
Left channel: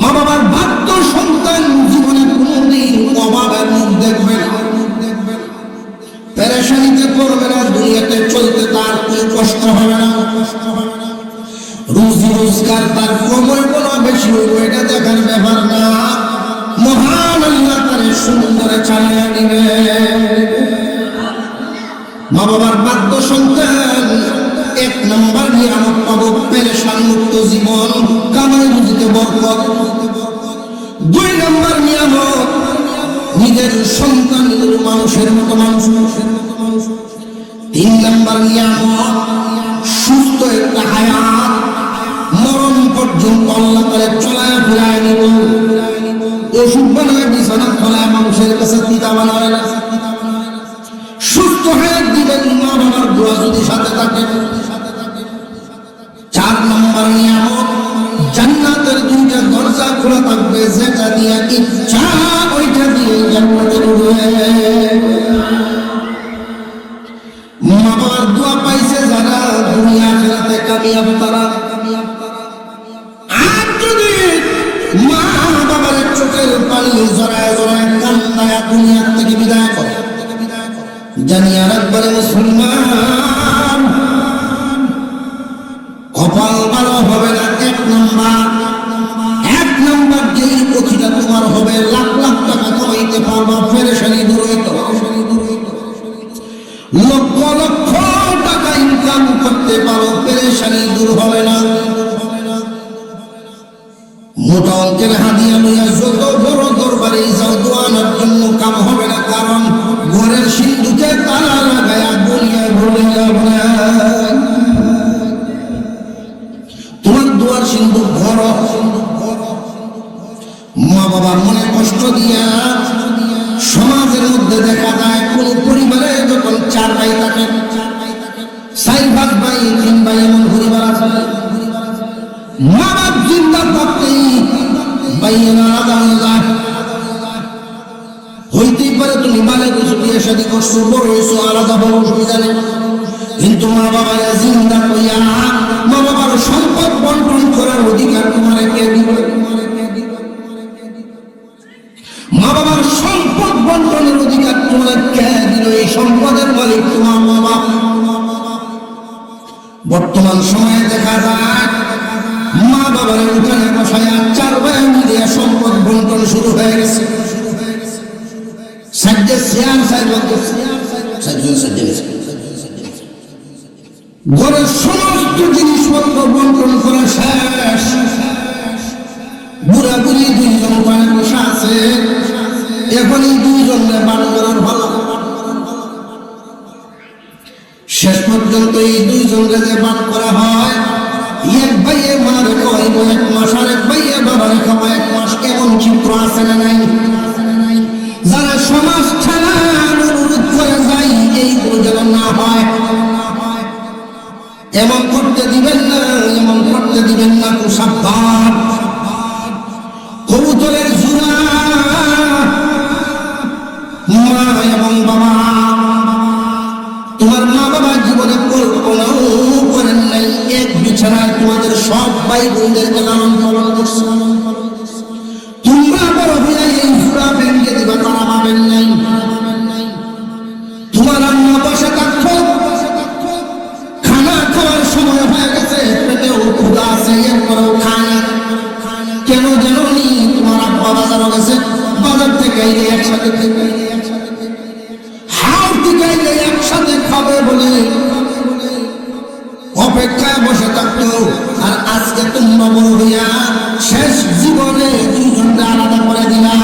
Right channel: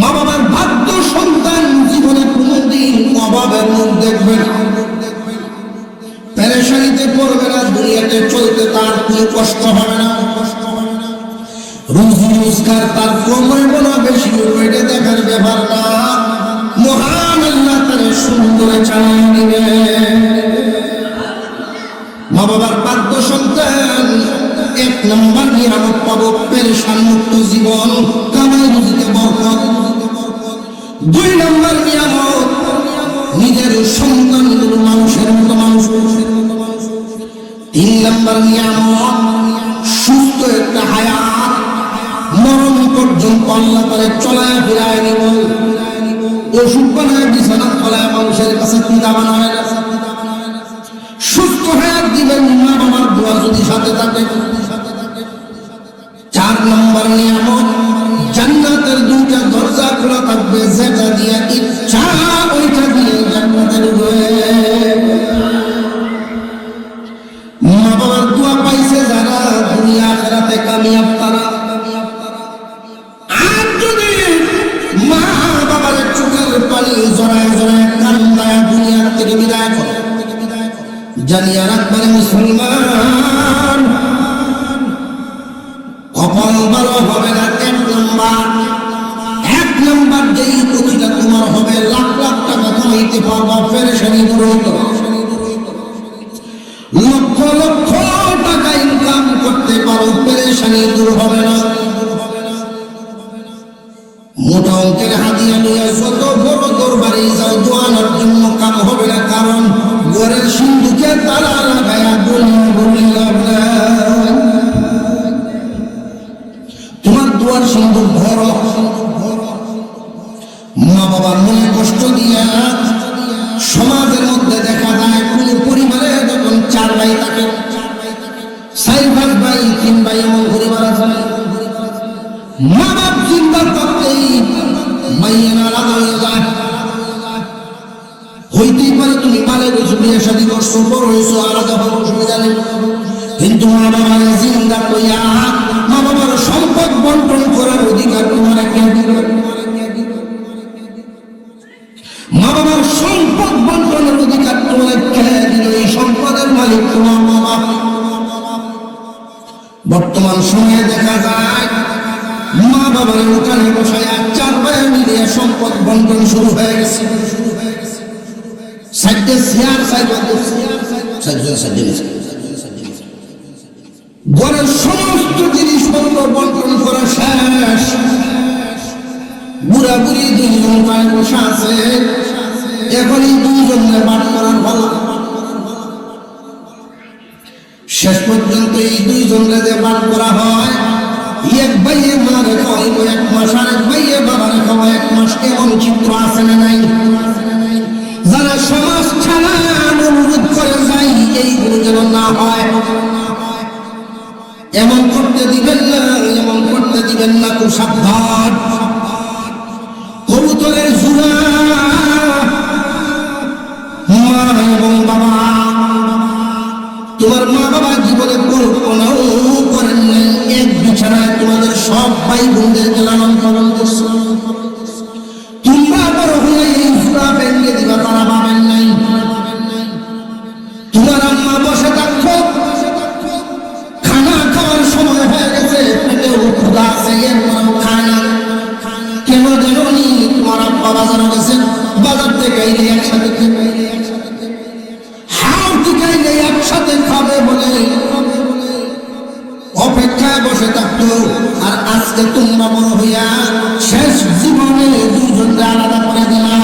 মা বাবার ভাগ্য সন্তান জীবনে কোনোদিন অভাবের মুখ দেখবে না, পেরেশানিতে পড়বে না, দুনিয়াতে চলতে তার কোনো কষ্ট হবে না। রোজি রোজগার তার কম হইব না বেশি হইব এটা দেখার ব্যাপার না, মহান আল্লাহ তারে সুন্দরে চালিয়ে দিবে। মা বাবার ভাগ্য সন্তান 1 নম্বর নিয়ামত পাবো, পেরেশান মুক্ত জীবন, কামাই রুজিতে বরকত। 2 নম্বর নিয়ামত, নিজের সন্তানগুলো মানুষের মতো মানুষ। 3 নম্বর নিয়ামত সুস্থ একটা হায়াত, মরণ পর্যন্ত আল্লাহ করে চলায় ফিরায় নিব। ওষুধ বানায় বিছানা চলায় মানুষের কাছে দামান হয় না। সুস্থ হায়াত দিবেন মা বাবার দোয়া যদি সাথে থাকে। 4 নম্বর নিয়ামত জান্নাতের 2টা দরজা খোলা থাকবে, যেটা দিয়ে ইচ্ছা ওইটা দিয়ে জান্নাতে ঢুকবে। মা বাবার দোয়া পাইছে যারা, দুনিয়া আখিরাতে কামিয়াব তারা। আর যদি মা বাবার চোখের পানি জড়ায় জড়ায় কান্নায় দুনিয়া থেকে বিদায় করে, জানিয়া রাখবেন মুসলমান কপাল ভালো হবে না। 1 নম্বর যেই প্রতিটা তোমার হবে, লাখ লাখ টাকা কামাইতে পারবা, পেরেশানি দূর হতো। লক্ষ লক্ষ টাকা ইনকাম করতে পারো, পেরেশানি দূর হবে না। মোটা অঙ্কের হাদিয়া নিয়ে যত বড় দরবারে যাও, দোয়ানোর জন্য কাম হবে না, কারণ ঘরের সিন্ধুকে তারার ভেড়া বলে বলে তোমার দোয়ার সিন্ধু ঘর। মা বাবার মনে কষ্ট দিয়া সমাজের মধ্যে দেখা যায় কোন পরিবারে যখন 4 ভাই থাকে, 4 ভাই 3 ভাই এমন পরিবার আছে। মা বাপ চিন্তা করতেই ভাইয়েরা আলাদা হয়ে যায়। হইতেই পারে তুমি মানে বসে বিয়ে শাদী করছো, বড় হয়েছো, আলাদা বড় অসুবিধা নেই, কিন্তু মা বাবার চিন্তা করিয়া মা বাবার সম্পদ বন্টন করার অধিকার তোমার কে দিবে? মা বাবার সম্পদ বন্টনের অধিকার তোমার কে দিবে? এই সম্পদের মালিক তোমার মা বাবা। বর্তমান সময়ে দেখা যায় মা বাবার ওখানে বসায় 4 ভাই মিলিয়ে সম্পদ বন্টন শুরু হয়ে গেছে। ঘরের সমস্ত জিনিসপত্র বন্টন করা শেষ। বুড়া বুড়ি 2 জন পায়ে বসা আছে, এখন এই 2 জনের বান করার ভালো। শেষ পর্যন্ত এই 2 জনকে যে বান করা হয়, এক ভাইয়ে মারে খাওয়াইব 1 মাস, আর এক ভাইয়ে বাবারে খাওয়া 1 মাস। কেমন চিত্র আছে না নাই? যারা সমাজ ছাড়া অনুরোধ করে যায়, এইগুলো যেন না হয়। এমন করতে দিবেন না, এমন করতে দিবেন না, খুব সাবধান। কবুতরের জোড়া মা এবং বাবা, তোমার মা বাবা জীবনে কল্পনাও করেন নাই এক বিছানায় তোমাদের সব ভাই বোনদেরকে লালন পালন করছো। তোমরা বড় হলে এই জোড়া ভেঙে দিবা, তারা পাবেন নাই। তোমার আম্মা বসে থাকতো, খানা খাওয়ার সময় হয়ে গেছে, পেটেও ক্ষুধা আছে, এরপরেও খায় না। কেন জানি তোমার আব্বা বাজার গেছে, বাজার থেকে এই একসাথে হাল থেকে একসাথে খাবে বলে অপেক্ষায় বসে থাকতো। আর আজকে তোমরা বড় হইয়া শেষ জীবনে 2 জনকে আলাদা করে দিলা।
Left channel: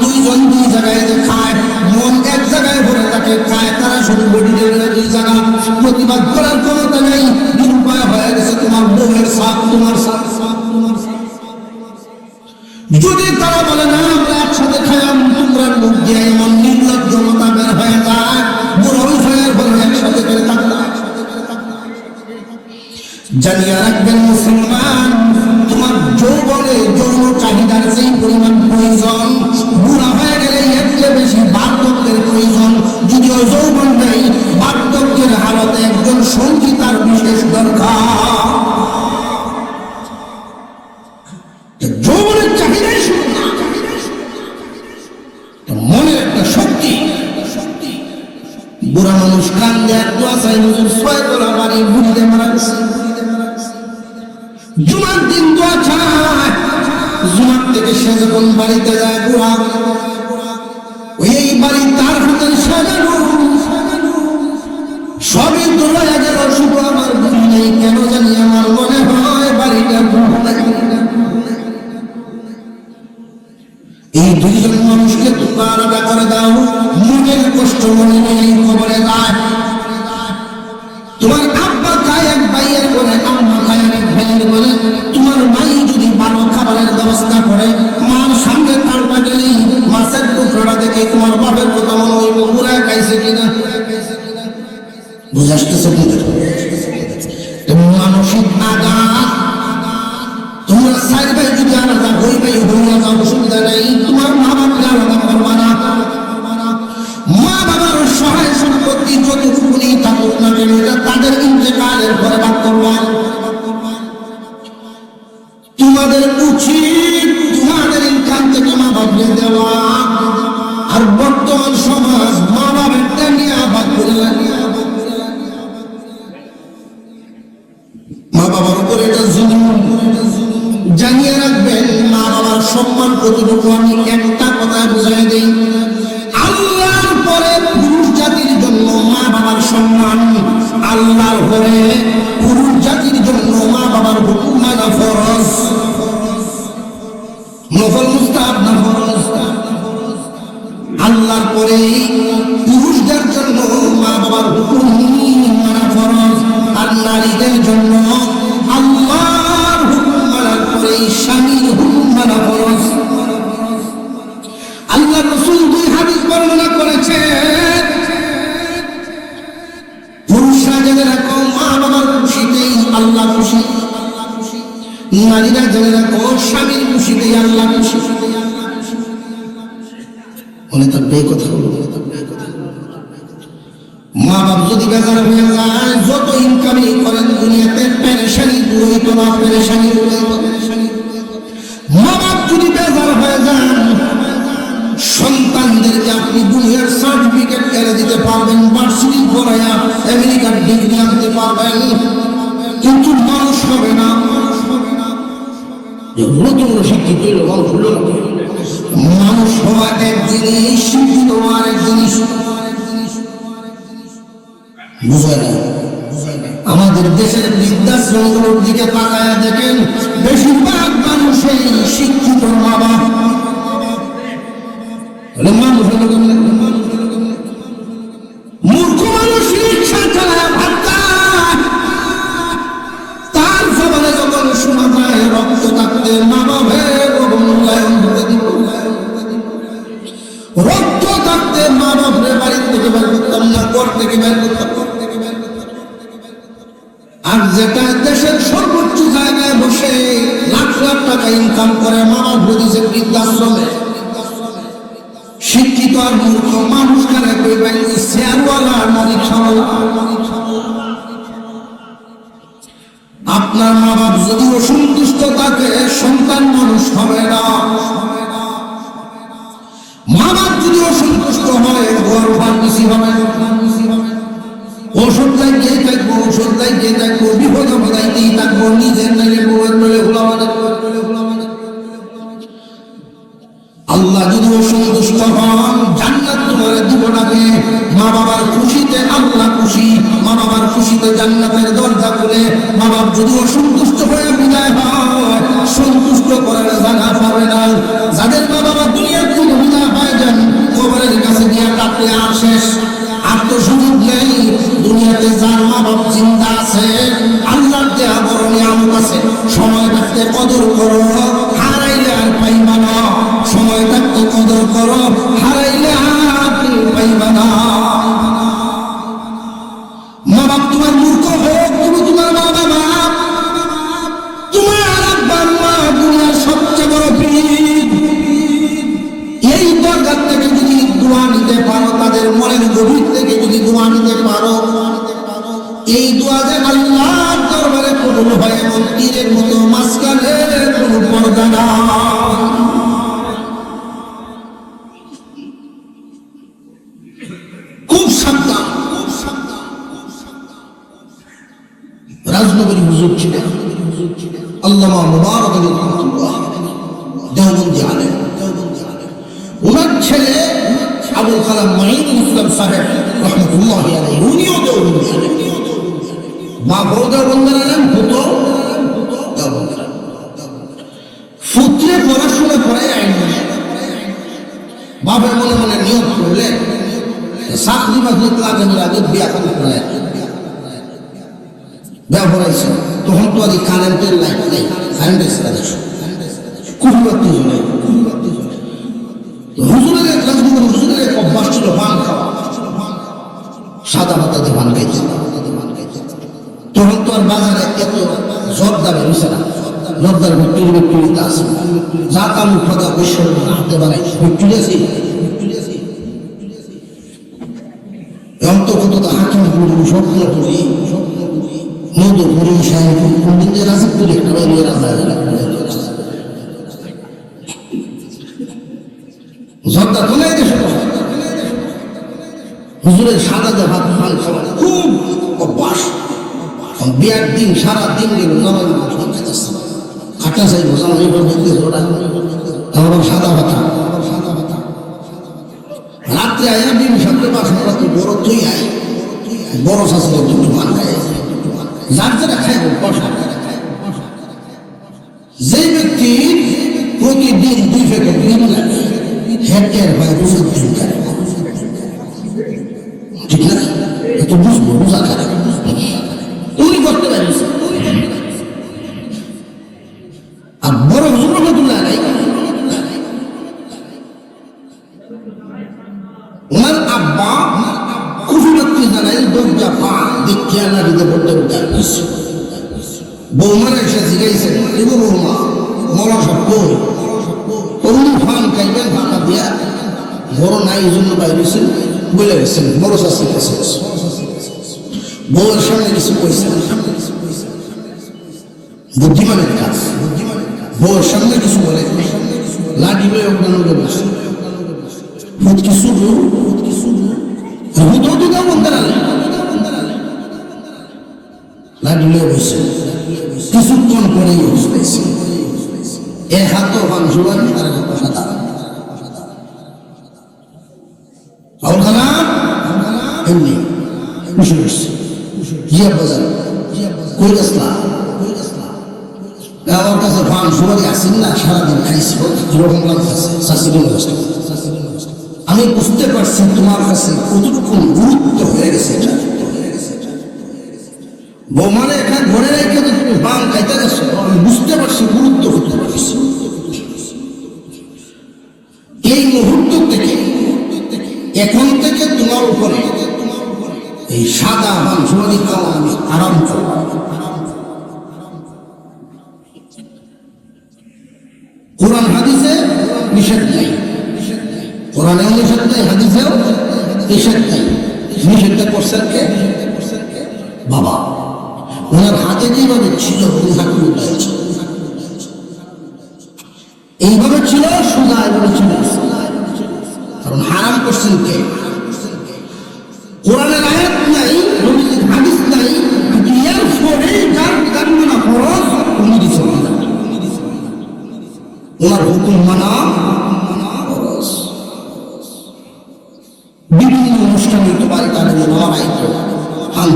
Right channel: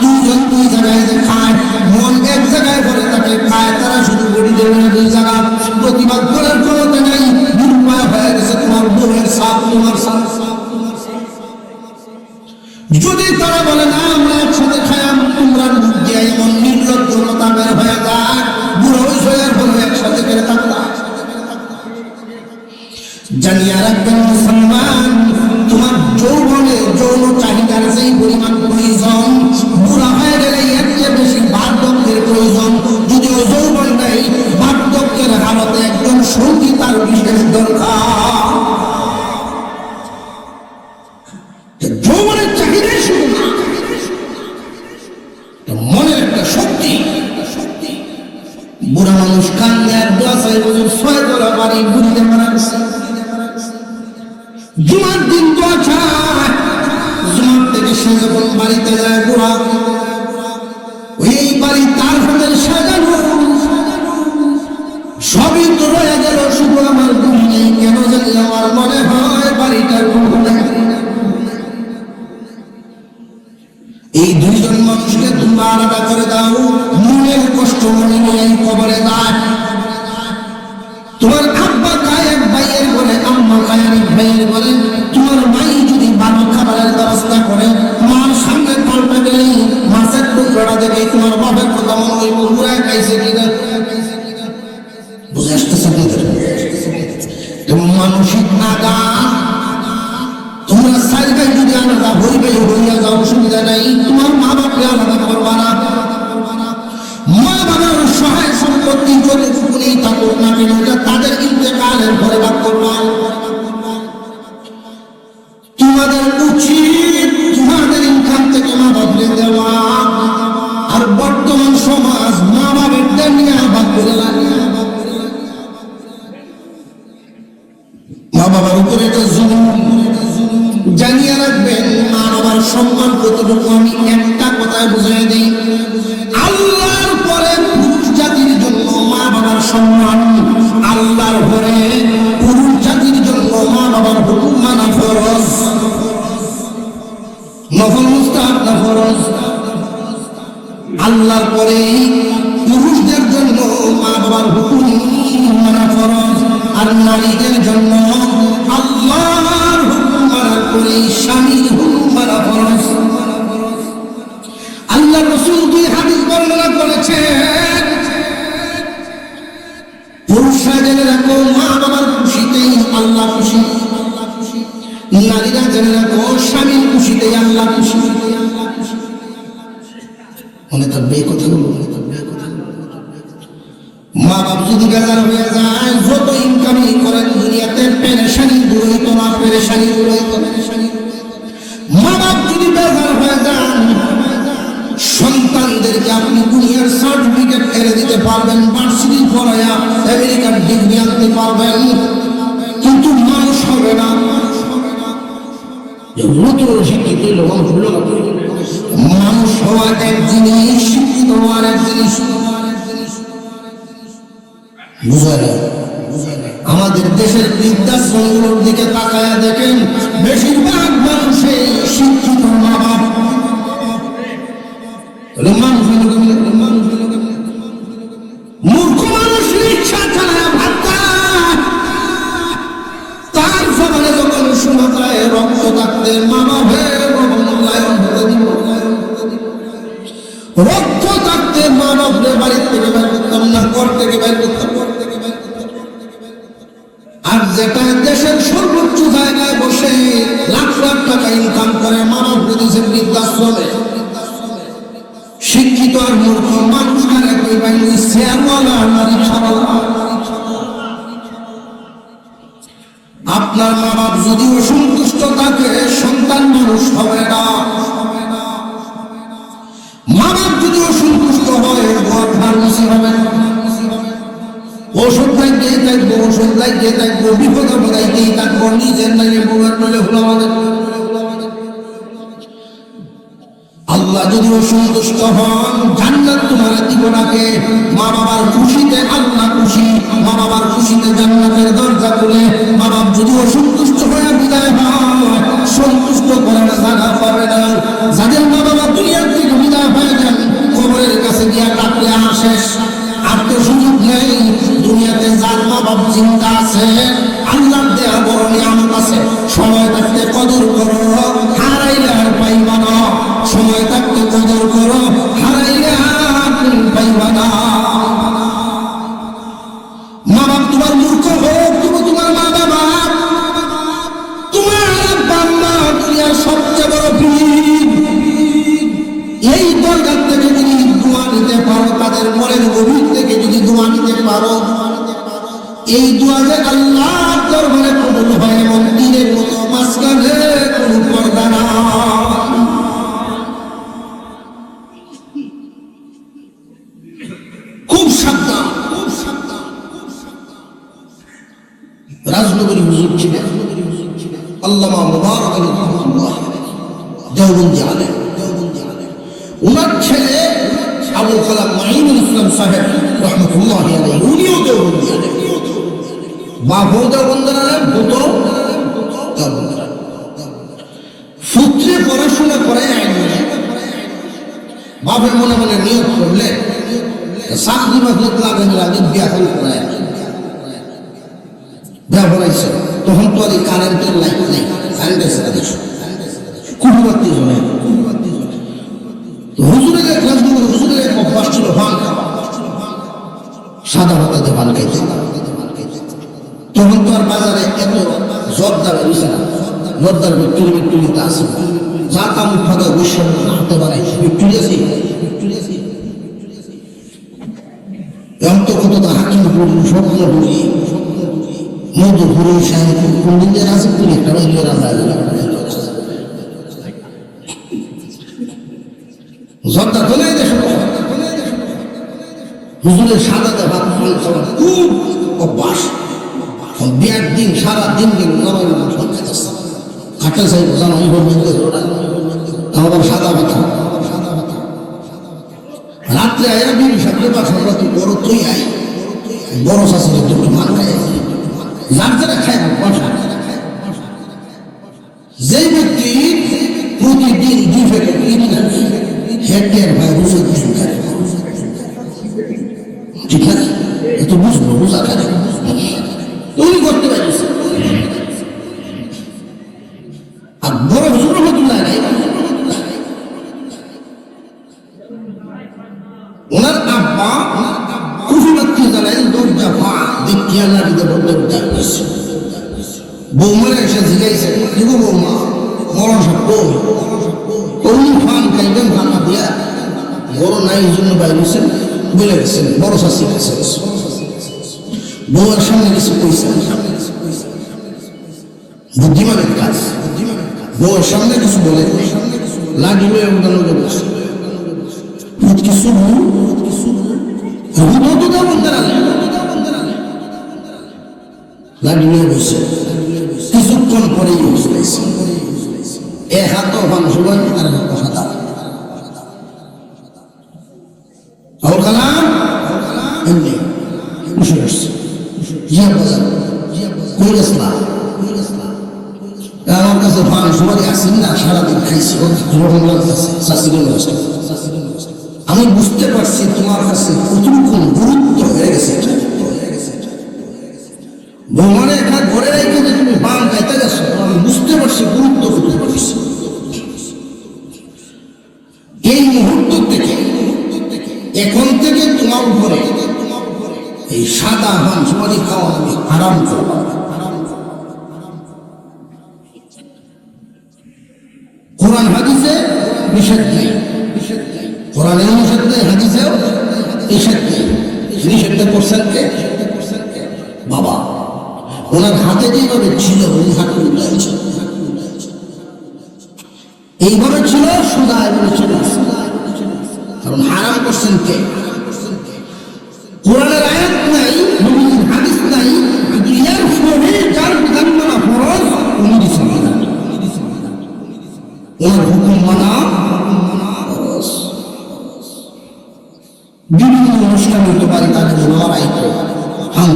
2 জন 2 জায়গায় খায়, মন এক জায়গায় ভরে থাকে, খায় তারা শুধু বডি দেবে 2 জায়গা। প্রতিবাদ করার ক্ষমতা নেই, নিরুপায় হয়ে গেছে তোমার বউয়ের সাপ, তোমার সাপ। যদি তারা বলে না আমরা একসাথে খাই, তোমরা মুখ দিয়ে এমন নির্লজ্জতা বের হয়ে যায়, বুড়ো বিষয়ের বলে একসাথে করে থাকতাম। জানিয়ে রাখবেন মুসলমান, তোমার যৌবনে যৌন চাহিদার যেই পরিমাণ প্রয়োজন, বুড়া হয়ে গেলে এর চেয়ে বেশি বার্ধক্যের প্রয়োজন। যদি ওই যৌবনটাই বার্ধক্যের হালতে একজন সঙ্গী তার বিশেষ দরকার। যৌবনের চাহিদাই শুধু না, মনের একটা শক্তি। বুড়া মানুষ কান্দে আর দোয়া চাই, 6 তলা বাড়ি ঘুরতে মারা গেছে। জুমার দিন দোয়া চায়, জুমার থেকে সে যখন বাড়িতে যায়, বুড়া ওই বাড়ি তার হাতে সাজানো, সবই তো রয়ে গেল, শুধু আমার ঘুম নেই। কেন জানি আমার মনে হয় বাড়িটার ঘুম লাগে। এই দুইজন মানুষকে তোমরা আলাদা করে দাও, মনের কষ্ট মনে নেই, কবরে যায়। তোমার আব্বা গায়ে ভাইয়ের বলে, আম্মা গায়ে ভাইয়ের বলে, তোমার ভাই যদি ভালো খাবারের ব্যবস্থা করে, মার সামনে পাল্টা গেলে মাছের টুকরা দেবে, তোমার বাপের কথা মনে হইব পুরা খাইছে কিনা। বুঝে আসতেছে? তুমি মানসিক নাগা, তোমরা চার ভাই যদি আলাদা হইবে হইয়া যাও, অসুবিধা নাই। তোমার মা বাপকে আলাদা করবা না। মা বাবার সহায় সম্পত্তি যতটুকুনি থাকুক না কেন, তাদের ইন্তেকালের পরে ভাগ করবা। তোমাদের উচিত তোমাদের ইনকাম থেকে মা বাপকে দেওয়া। আর বর্তমান সমাজ মা বাপের নিয়ে ভাগ করে মা বাবার উপরে এটা জুলুম। জানিয়ে রাখবেন, মা বাবার সম্মান কতটুকু আমি একটা কথায় বুঝাই দিই। আল্লাহর পরে পুরুষ জাতির জন্য মা বাবার সম্মান, আল্লাহর পরে পুরুষ জাতির জন্য মা বাবার হুকুম মানা ফরজ। নফল মুস্তাহাব না ফরজ? আল্লাহর পরে পুরুষদের জন্য মা বাবার হুকুম মানা ফরজ, আর নারীদের জন্য আল্লাহর হুকুম মানা করে স্বামীর হুকুম মানা ফরজ। আল্লাহ রাসূল দুই হাদিস বর্ণনা করেছেন, পুরুষরা জেনে রাখো মা বাবার খুশিতেই আল্লাহ খুশি, নারীরা জেনে রাখো স্বামীর খুশিতেই আল্লাহ খুশি। মনে থাকবে কথা বলবো। মা বাপ যদি বেজার হয়ে যায়, যত ইনকামই করেন দুনিয়াতে পেরেশানি দূর হতো না, পেরেশানি। মা বাপ যদি বেজার হয়ে যান, সন্তানদেরকে আপনি দুনিয়ার সার্টিফিকেট এনে দিতে পারবেন, ভার্সিটি পড়ায়া আমেরিকার ডিগ্রি আনতে পারবেন, কিন্তু মানুষ হবে না। মানুষ হওয়া এক জিনিস, শিক্ষিত হওয়ার এক জিনিস। বুঝলেন? আমাদের দেশের বৃদ্ধাশ্রমগুলোর দিকে তাকায়া দেখেন, বেশিরভাগ মানুষই শিক্ষিত মা বাপ। মূর্খ মানুষ রিক্সা চালায় ভাত খায়, তার সমানে যখন শোনা যায় রক্ত থাকতে মানবের মূল্যায়ন হতে দিব, রক্ত থাকতে মানবের বাড়ি থেকে বের করতাম না, ঘর থেকে বের করতাম। আর যেটা দেশের সর্বোচ্চ জায়গায় বসে লাখ লাখ টাকা ইনকাম করে মানব বুঝেছে বৃদ্ধাশ্রমে, শিক্ষিত আর মূর্খ মানুষ করে কইবেন শেয়ারওয়ালা মালিক সবাই। আপনার মা বাপ যদি অসন্তুষ্ট থাকে, সন্তান মানুষ হবে না। মা বাপ যদি অসন্তুষ্ট হয়, ঘর ফার্মেসি হবে। ওষুধ খাইতেই থাকবো, ওষুধ খাইতেই থাকবো, বিপদ বোধাইতেই থাকবো, নিজের লাগে বউয়ের টলে ভোলাবাদে। আল্লাহ যদি অসন্তুষ্ট হন, জান্নাত তোমার দিব নাকে। মা বাবার খুশিতে আল্লাহ খুশি, মা বাবার খুশিতে জান্নাতের দরজা খুলে। মা বাপ যদি অসন্তুষ্ট হয়ে বিদায় হয়, সন্তুষ্ট করার জায়গা পাবে না। যাদের মা বাবা দুনিয়ার থেকে বিদায় পায় যান, কবরের কাছে গিয়ে ডাকলে আর শেষ, আর তো সুযোগ নেই। দুনিয়াতে যার মা বাপ চিন্তা আছে, আল্লাহর দেয়া বড় নিয়ামত আছে, সময় থাকতে কদর করো, হারাইলে আর পাইবা না। সময় থাকতে কদর করো, হারাইলে আর পাইবা না। মা বাপ তোমার মূর্খ হোক, তুমি তোমার মা বাবা, তোমার বাবা দুনিয়ার সবচেয়ে বড় পীর। এই দরগার থেকে যদি দোয়া নিতে পারো, তাদের মনের গভীর থেকে যদি দোয়া নিতে পারো, এই দোয়া যে আল্লাহর দরবারে কবুল হয়, এমন পীরের মতো মাঝখানে পড়বে না। খুব সাবধান। রাজনগরী হুজুর ছিলেন আল্লামা মুবারক আলী রহমাতুল্লাহ, দেওবন্দি আলেম। ওনার ছেলে আবুল কালাম মাইনুল ইসলাম সাহেব রহমাতুল্লাহ আলাইহি, উনিও দেওবন্দি আলেম। বাপও দেওবন্দি আলেম, পুত্র দেওবন্দি। সূত্রে পড়াশোনা করে বাপের মনে মনে নিয়োগ করলেন চাকরি বাকরি লাগে আগে বিয়া করে বিয়া করাইছে। তখন তো আর কারেন্টের লাইট নেই, কারেন্টের কুকুরবাতি হলে হুজুরের হুজুরের অভ্যাস ছিল পান খাওয়া, সাদা পাতাতে পান খাইছে। তখন তো আর বাজারে এত জর্দার হয়েছে না, জর্দার ভিক্টোরিয়া আছে, যা কামড় ফাঁকা বিশ্ব হাতে বানায় ভিক্টোরিয়াছি অন্তর্গত হাকিম করি, স্বপ্ন করি, মধু করি, সাহেব কোনদিন রাজি করি একটা জর্দা চলে গেছে। হুজুরের সাদা দেখা খুব অভ্যাস। বিয়ার দিন সারা দিন গেল খাটা চাই সাদা কথা রাত্রে আয়া দিন সাথে বড় তুই আই বড় শাসনের জন্য মান যার যারা খায় যে ব্যক্তি প্রতিদিন 2 প্যাকেট হেডের ঠিক আছে একটু বুঝবো বোঝা খায় উনি করতে পারিস। আর বড় হুজুর রহমতুল্লাহ আলাইহি ওনার আব্বা কুফিবাতি জানাই দরজা পা দেখিয়া নারীতে বলতে যাইছে। বৌমার এসে জিগাইছে কিন্তু বৌমা মরা সত্য উনি ফান খাইবেন ভাঙা দিয়া বড় নাই এই জন্য বাইরেছেন বলে গেছেন বড় শাসি কাছে বউয়ের সামনে কিছু কইছে বুদ্ধিমানের কাজ। বউয়ের সামনে কিছু বলে লাঠি হয়ে উঠানো বলছে কিছু লাঠি হয়ে বসে কিছুক্ষণ পরেই বসেছে এ হাত মাংস আর সাদা ওখানা বসে বসছে আমার কাছে ফান সবাই আসেন না সারাদিন খাইছি এরকম লাগতেছে। আমি বুঝতে পারছি তোমার কাছে কতটুকু গুরুত্ব হয়ে গেছে। বৌমারে একটা ঘরে রেখে যে তুমি বাম খাইতে গেছো আমি বুঝতে পারছি গুরুত্ব করতে পারছি। এই মুহূর্ত থেকে এখন থেকে তোমার উপরে এই সাদা বাংশুমারি খাওয়া আমি আরাম করব। কোরআন হাদিসে নিষেধ নেই, কোরআনে নিষেধ নেই, হাদিসেও নিষেধ নেই। নিষেধ করছেন কে? বাবা। ওনার হাতে যেভাবে ছিল উনি হাতে উল্টাই ছিল, এইভাবে ছিল সোজা এভাবে ছিল, কারণ হারাম করছেন কে? কোরআনের আয়াত নাই, নবীর হাদিস নাই, এর ফলে যার কালমা ফরজ উনি দিছেন ওনার হুকুম মানা ফরজ। বিভিন্ন অনুষ্ঠান হতে পারে তাদের লড়াই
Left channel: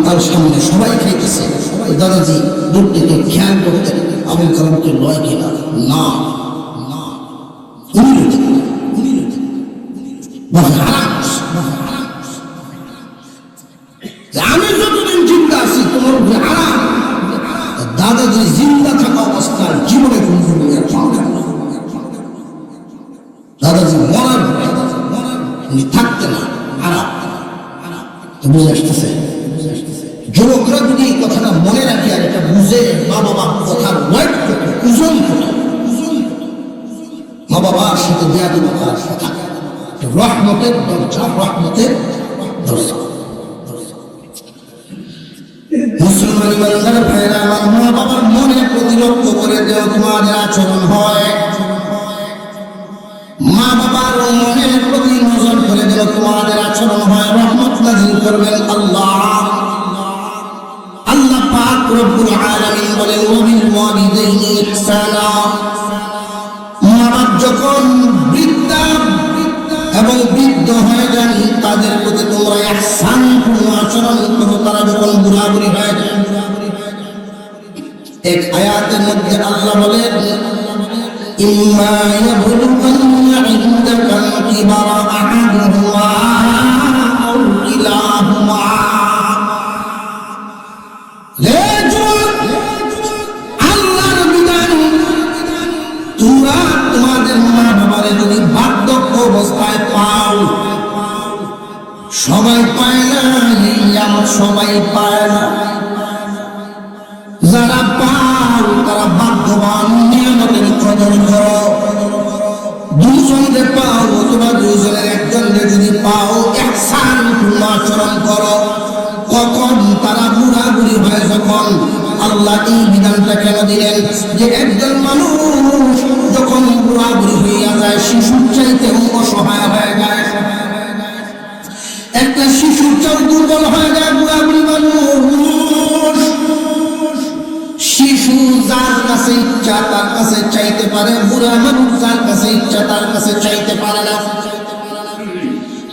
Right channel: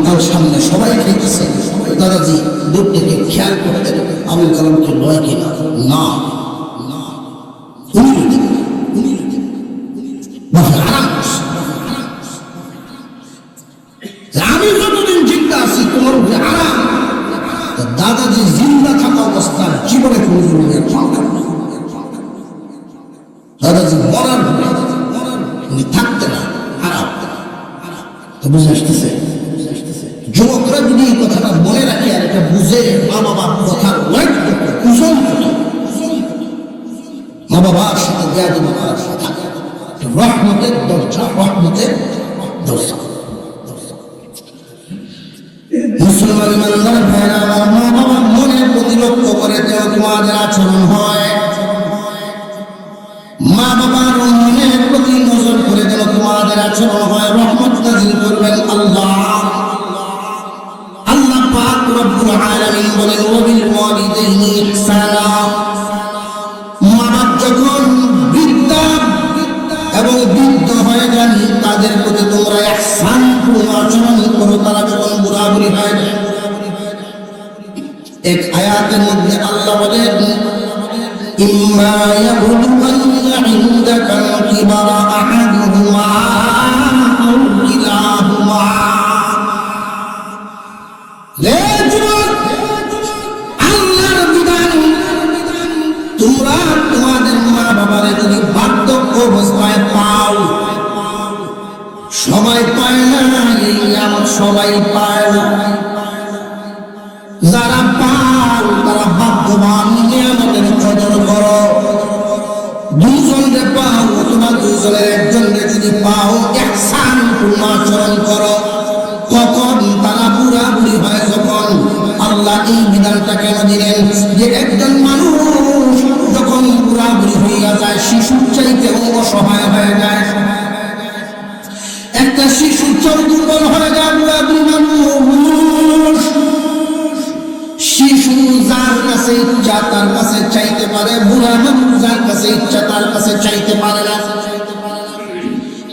তার সামনে সবাই খেয়েছে দাদাজি দূর থেকে খেয়াল করতেন আবুল কালামকে লয় কিনা না আমি যতদিন জিন্দা আছি তোমার আরাম। দাদাজি জিন্দা থাকা অবস্থার জীবনে দাদাজি মরার উনি থাকতে না আরাম। তো বুঝে আসতেছে যুবকরা যদি এই কথাটা মনে রাখে আর এটা বুঝে মা বাবার কথা মা বাবার সাথে বেয়াদবি করার কথা রহমতের দরজা, রহমতের দরজা। মুসলমান ইমানদার ভাইরা আমার, মা বাবার মনের প্রতি লক্ষ্য করে দেওয়া তোমাদের আচরণ হয়। মা বাবার মনের প্রতি নজর করে দেওয়া তোমাদের আচরণ হয়। রহমত নাযিল করবেন আল্লাহ। আল্লাহ পাক রব্বুল আলামিন বলেন ওয়াবিল ওয়ালিদাইনি ইহসানা। মা-বাপ যখন বৃদ্ধা এবং বৃদ্ধ হয়ে যান তাদের প্রতি তোমরা ইহসান আচরণ করো। তারা যখন বুড়াবুড়ি হয়ে যায়, এক আয়াতের মধ্যে আল্লাহ বলেন ইম্মা ইয়াবলুগান্না ইনদাকা কিবারা সবাই পায় না, যারা পান তারা ভাগ্যবান। নিয়ামতের কদর করো। দুজনকে পাও অথবা দুজনের একজনকে যদি পাও একসাথ আচরণ করো। কখন তারা বুড়াবুড়ি হয় যখন, আল্লাহ এই বিধানটা কেন দিলেন যে একজন মানুষ যখন বুড়াবুড়ি হইয়া যায় শিশুর চাইতেও অসহায় হয়ে যায়। একটা শিশুর চোখ দুর্বল হয়ে যায়। শিশু যার কাছে ইচ্ছা তার কাছে চাইতে পারে, বুড়া যার কাছে ইচ্ছা তার কাছে চাইতে পারে না।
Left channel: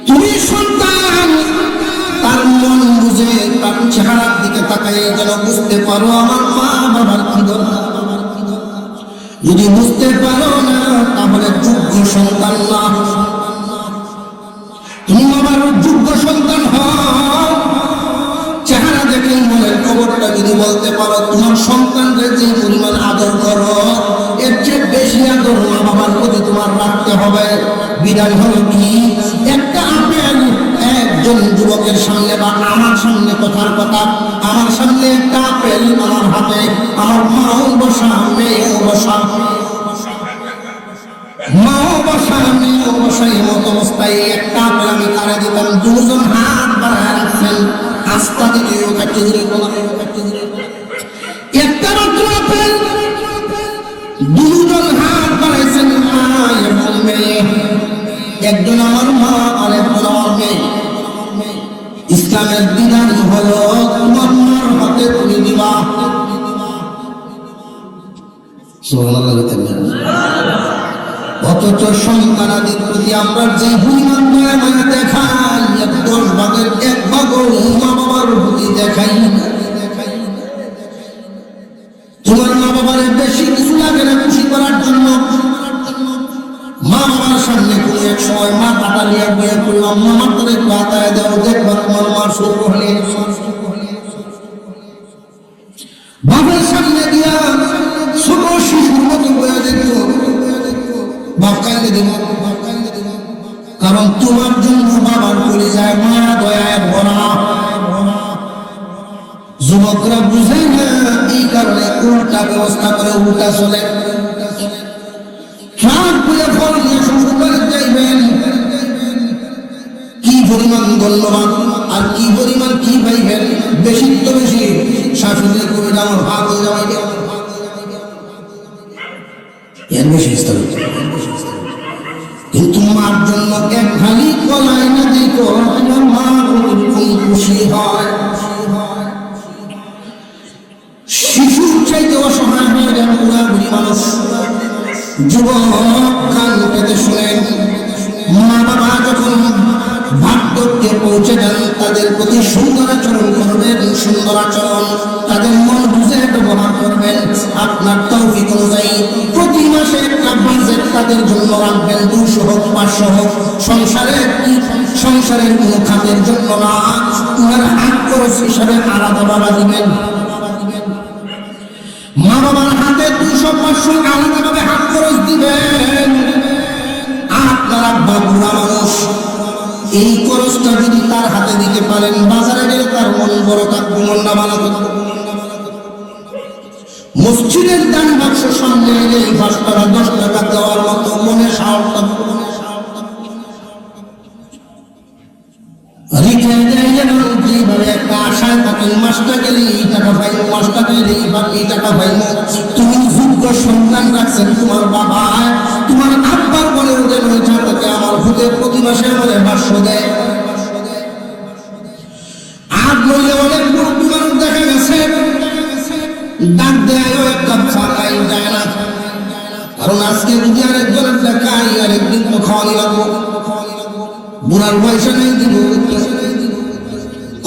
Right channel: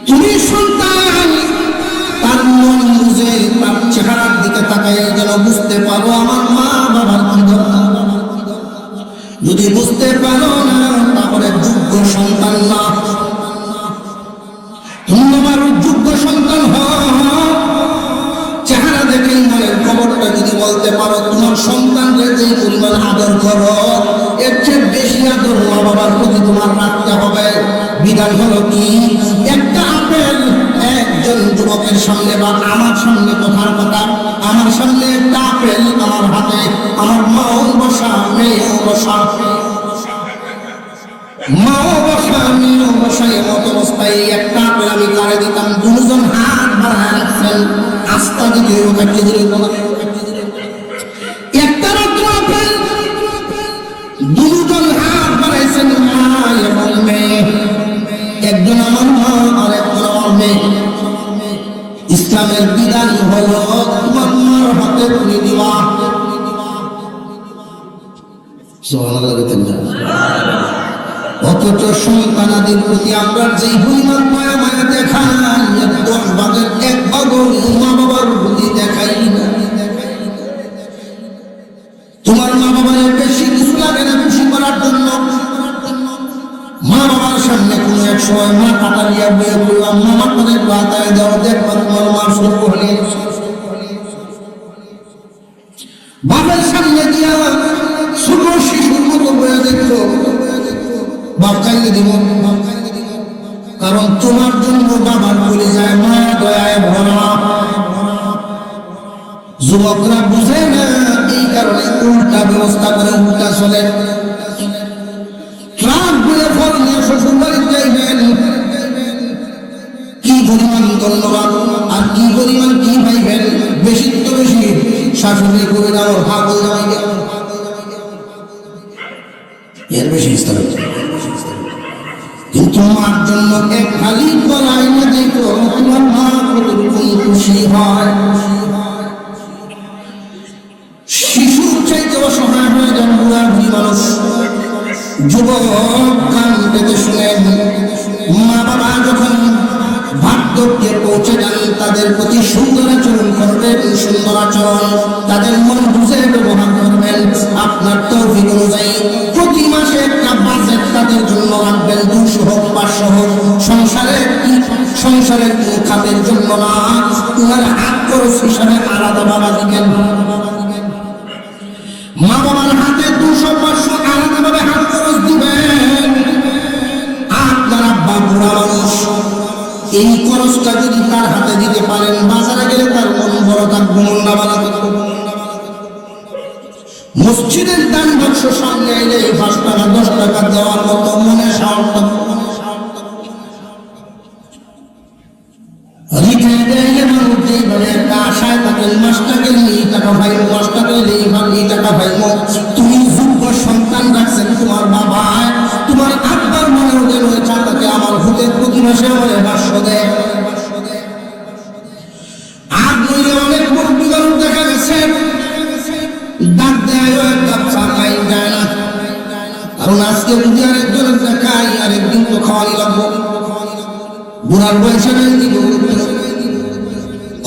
তুমি সন্তান, তার মন বুঝে তার চেহারার দিকে তাকাই যেন বুঝতে পারো আমার মা বাবার বান্ধব। যদি বুঝতে পারো না তাহলে যোগ্য সন্তান না। তোমার যোগ্য সন্তান হয় চেহারা দেখে মনের খবরটা যদি বলতে পারো, তোমার সন্তানকে যে পরিমাণ আদর করো এর চেয়ে বেশি আদর মা বাবার প্রতি তোমার রাখতে হবে। বিধান হলো কি, একটা আপেল একজন যুবকের সামনে বা আমার সামনে, কথার কথা আমার সামনে একটা আপেল আমার হাতে, আমার মাও বসা মেয়েও বসা, মাও বসা মেয়েও বসা, এমত অবস্থায় একটা আপেল আমি কারে দিতাম। দুজন হাত বাড়ায় রাখছেন, আস্থা দিকে কাটিয়ে দিলে একটা মাত্র আপেল, দুজন হাত বাড়াইছেন মা এবং মেয়ে, একজন আমার মা আর একজন আমার মেয়ে। ইসলামের বিধান হলো তোমার মার হাতে তুমি দিবা। অথচ সন্তানাদির প্রতি আমরা যে পরিমাণ মায়া মায়া দেখাই, 10 ভাগের 1 ভাগও মা বাবার প্রতি দেখাই না। তোমার মা বাবার বেশি কিছু লাগে না খুশি করার জন্য। মা বাবার সামনে কোনো এক সময় মা টাকা নিয়ে বিয়ে করলাম, মামা করে বাতায় দেওয়া দেখবা তোমার মার শুরু হলে বাবার সামনে দিয়া ছোট শিশুর মতো করে দেখো, বাপ কান্দে দিব। কারণ তোমার জন্য বাবার বলে যায় মা দয়ায় ভরা। যুবকরা বুঝে না, এই কারণে উল্টা ব্যবস্থা করে উল্টা চলে। ট্রাক বলে ফল নিয়ে শ্বশুর বাড়ি যাইবেন, কি পরিমাণ ধন্যবাদ আর কি পরিমাণ কি পাইবেন। বেশি তো বেশি শাশুড়ি করে গেল ভাগ যাওয়া গেল, এর বেশি কিন্তু মার জন্য এক খালি গলাই না দেখো তোমার মা কতটুকু খুশি হয়। শিশুর চাইতে অসহায় হয়ে গেল বুড়ি মানুষ। যুবক কান পেতে শুনেন, মা বাবা যখন বার্ধক্যে পৌঁছে যান তাদের প্রতি সুন্দর আচরণ করবেন, সুন্দর আচরণ তাদের মন বুঝে ব্যবহার করবেন। আপনার তৌফিক অনুযায়ী প্রতি মাসে একটা বাজেট তাদের জন্য রাখবেন, 200 হোক 500 হোক। সংসারের কোন খাতের জন্য না, তোমার হাত খরচ হিসাবে আলাদা বাবা দিবেন। মা বাবার হাতে 200-500 আলাদাভাবে হাত খরচ দিবেন। আপনার আব্বা বুড়া মানুষ, এই খরচটা যদি তার হাতে দিতে পারেন, বাজারে গেলে তার মন বড় থাকবে, মন না ভালো থাকবে। মসজিদের দান বাক্স সামনে এলে 5 টাকা 10 টাকা দেওয়ার মতো মনে সাহস থাকবে। যেভাবে একটা আশায় থাকেন, মাসটা গেলে এই টাকা পাইব, মাসটা গেলে এইভাবে এই টাকা পাইব। তুমি যোগ্য সন্তান রাখছেন, তোমার বাবা তোমার আব্বার মনের যেন চাটাকে আমার হতে প্রতি মাসে আমার 500 দেয়। আর নইলে অনেক মুরব্বী মানুষ দেখা গেছে ডাক দেয় একটা খাওয়াই যায় না। কারণ আজকে যদি আরেকজনের দেখাই আরেকদিন তো খাওয়াই লাগবো, বুড়ার পয়সা নাই দিব।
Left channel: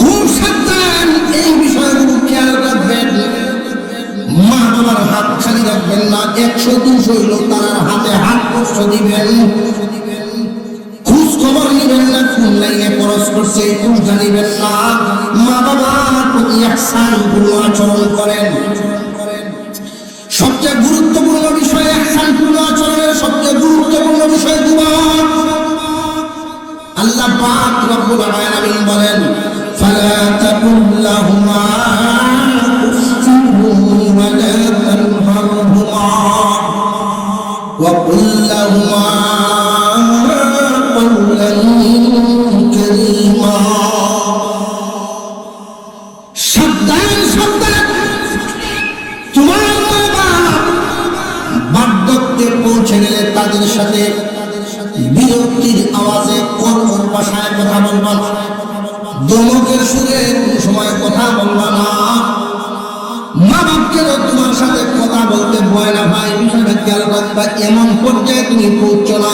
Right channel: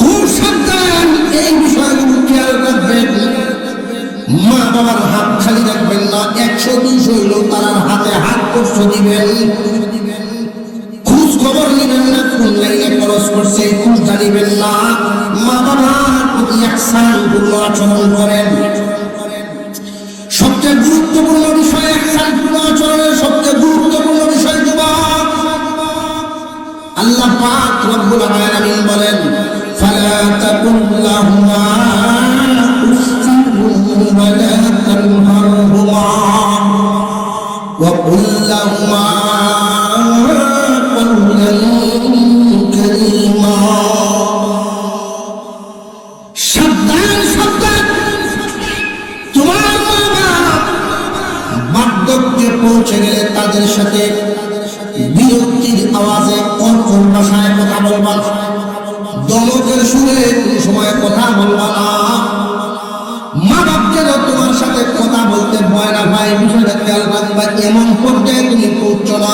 খুব সাবধান, এই বিষয়গুলো খেয়াল রাখবেন। মা বাবার হাত খালি রাখবেন না, 100-200 হইল তার হাতে হাত খরচ দিবেন। খোঁজ খবর নিবেন না, কোন লাইনে খরচ করছে খোঁজ জানিবেন না। মা বাবার প্রতি একসান পূর্ণ আচরণ করেন। সবচেয়ে গুরুত্বপূর্ণ বিষয় একসান পূর্ণ আচরণের সবচেয়ে গুরুত্বপূর্ণ বিষয় দোয়া। আল্লাহ পাক রব্বুল আলামিন বলেন, ফালা তাকুল বলবা না, দমকের সুরে কোন সময় কথা বলবা না। মা বাপকেও তোমার সাথে কথা বলতে ভয় না ভাই, বিষয়টা খেয়াল রাখবা। এমন পর্যায়ে তুমি পৌঁছো না,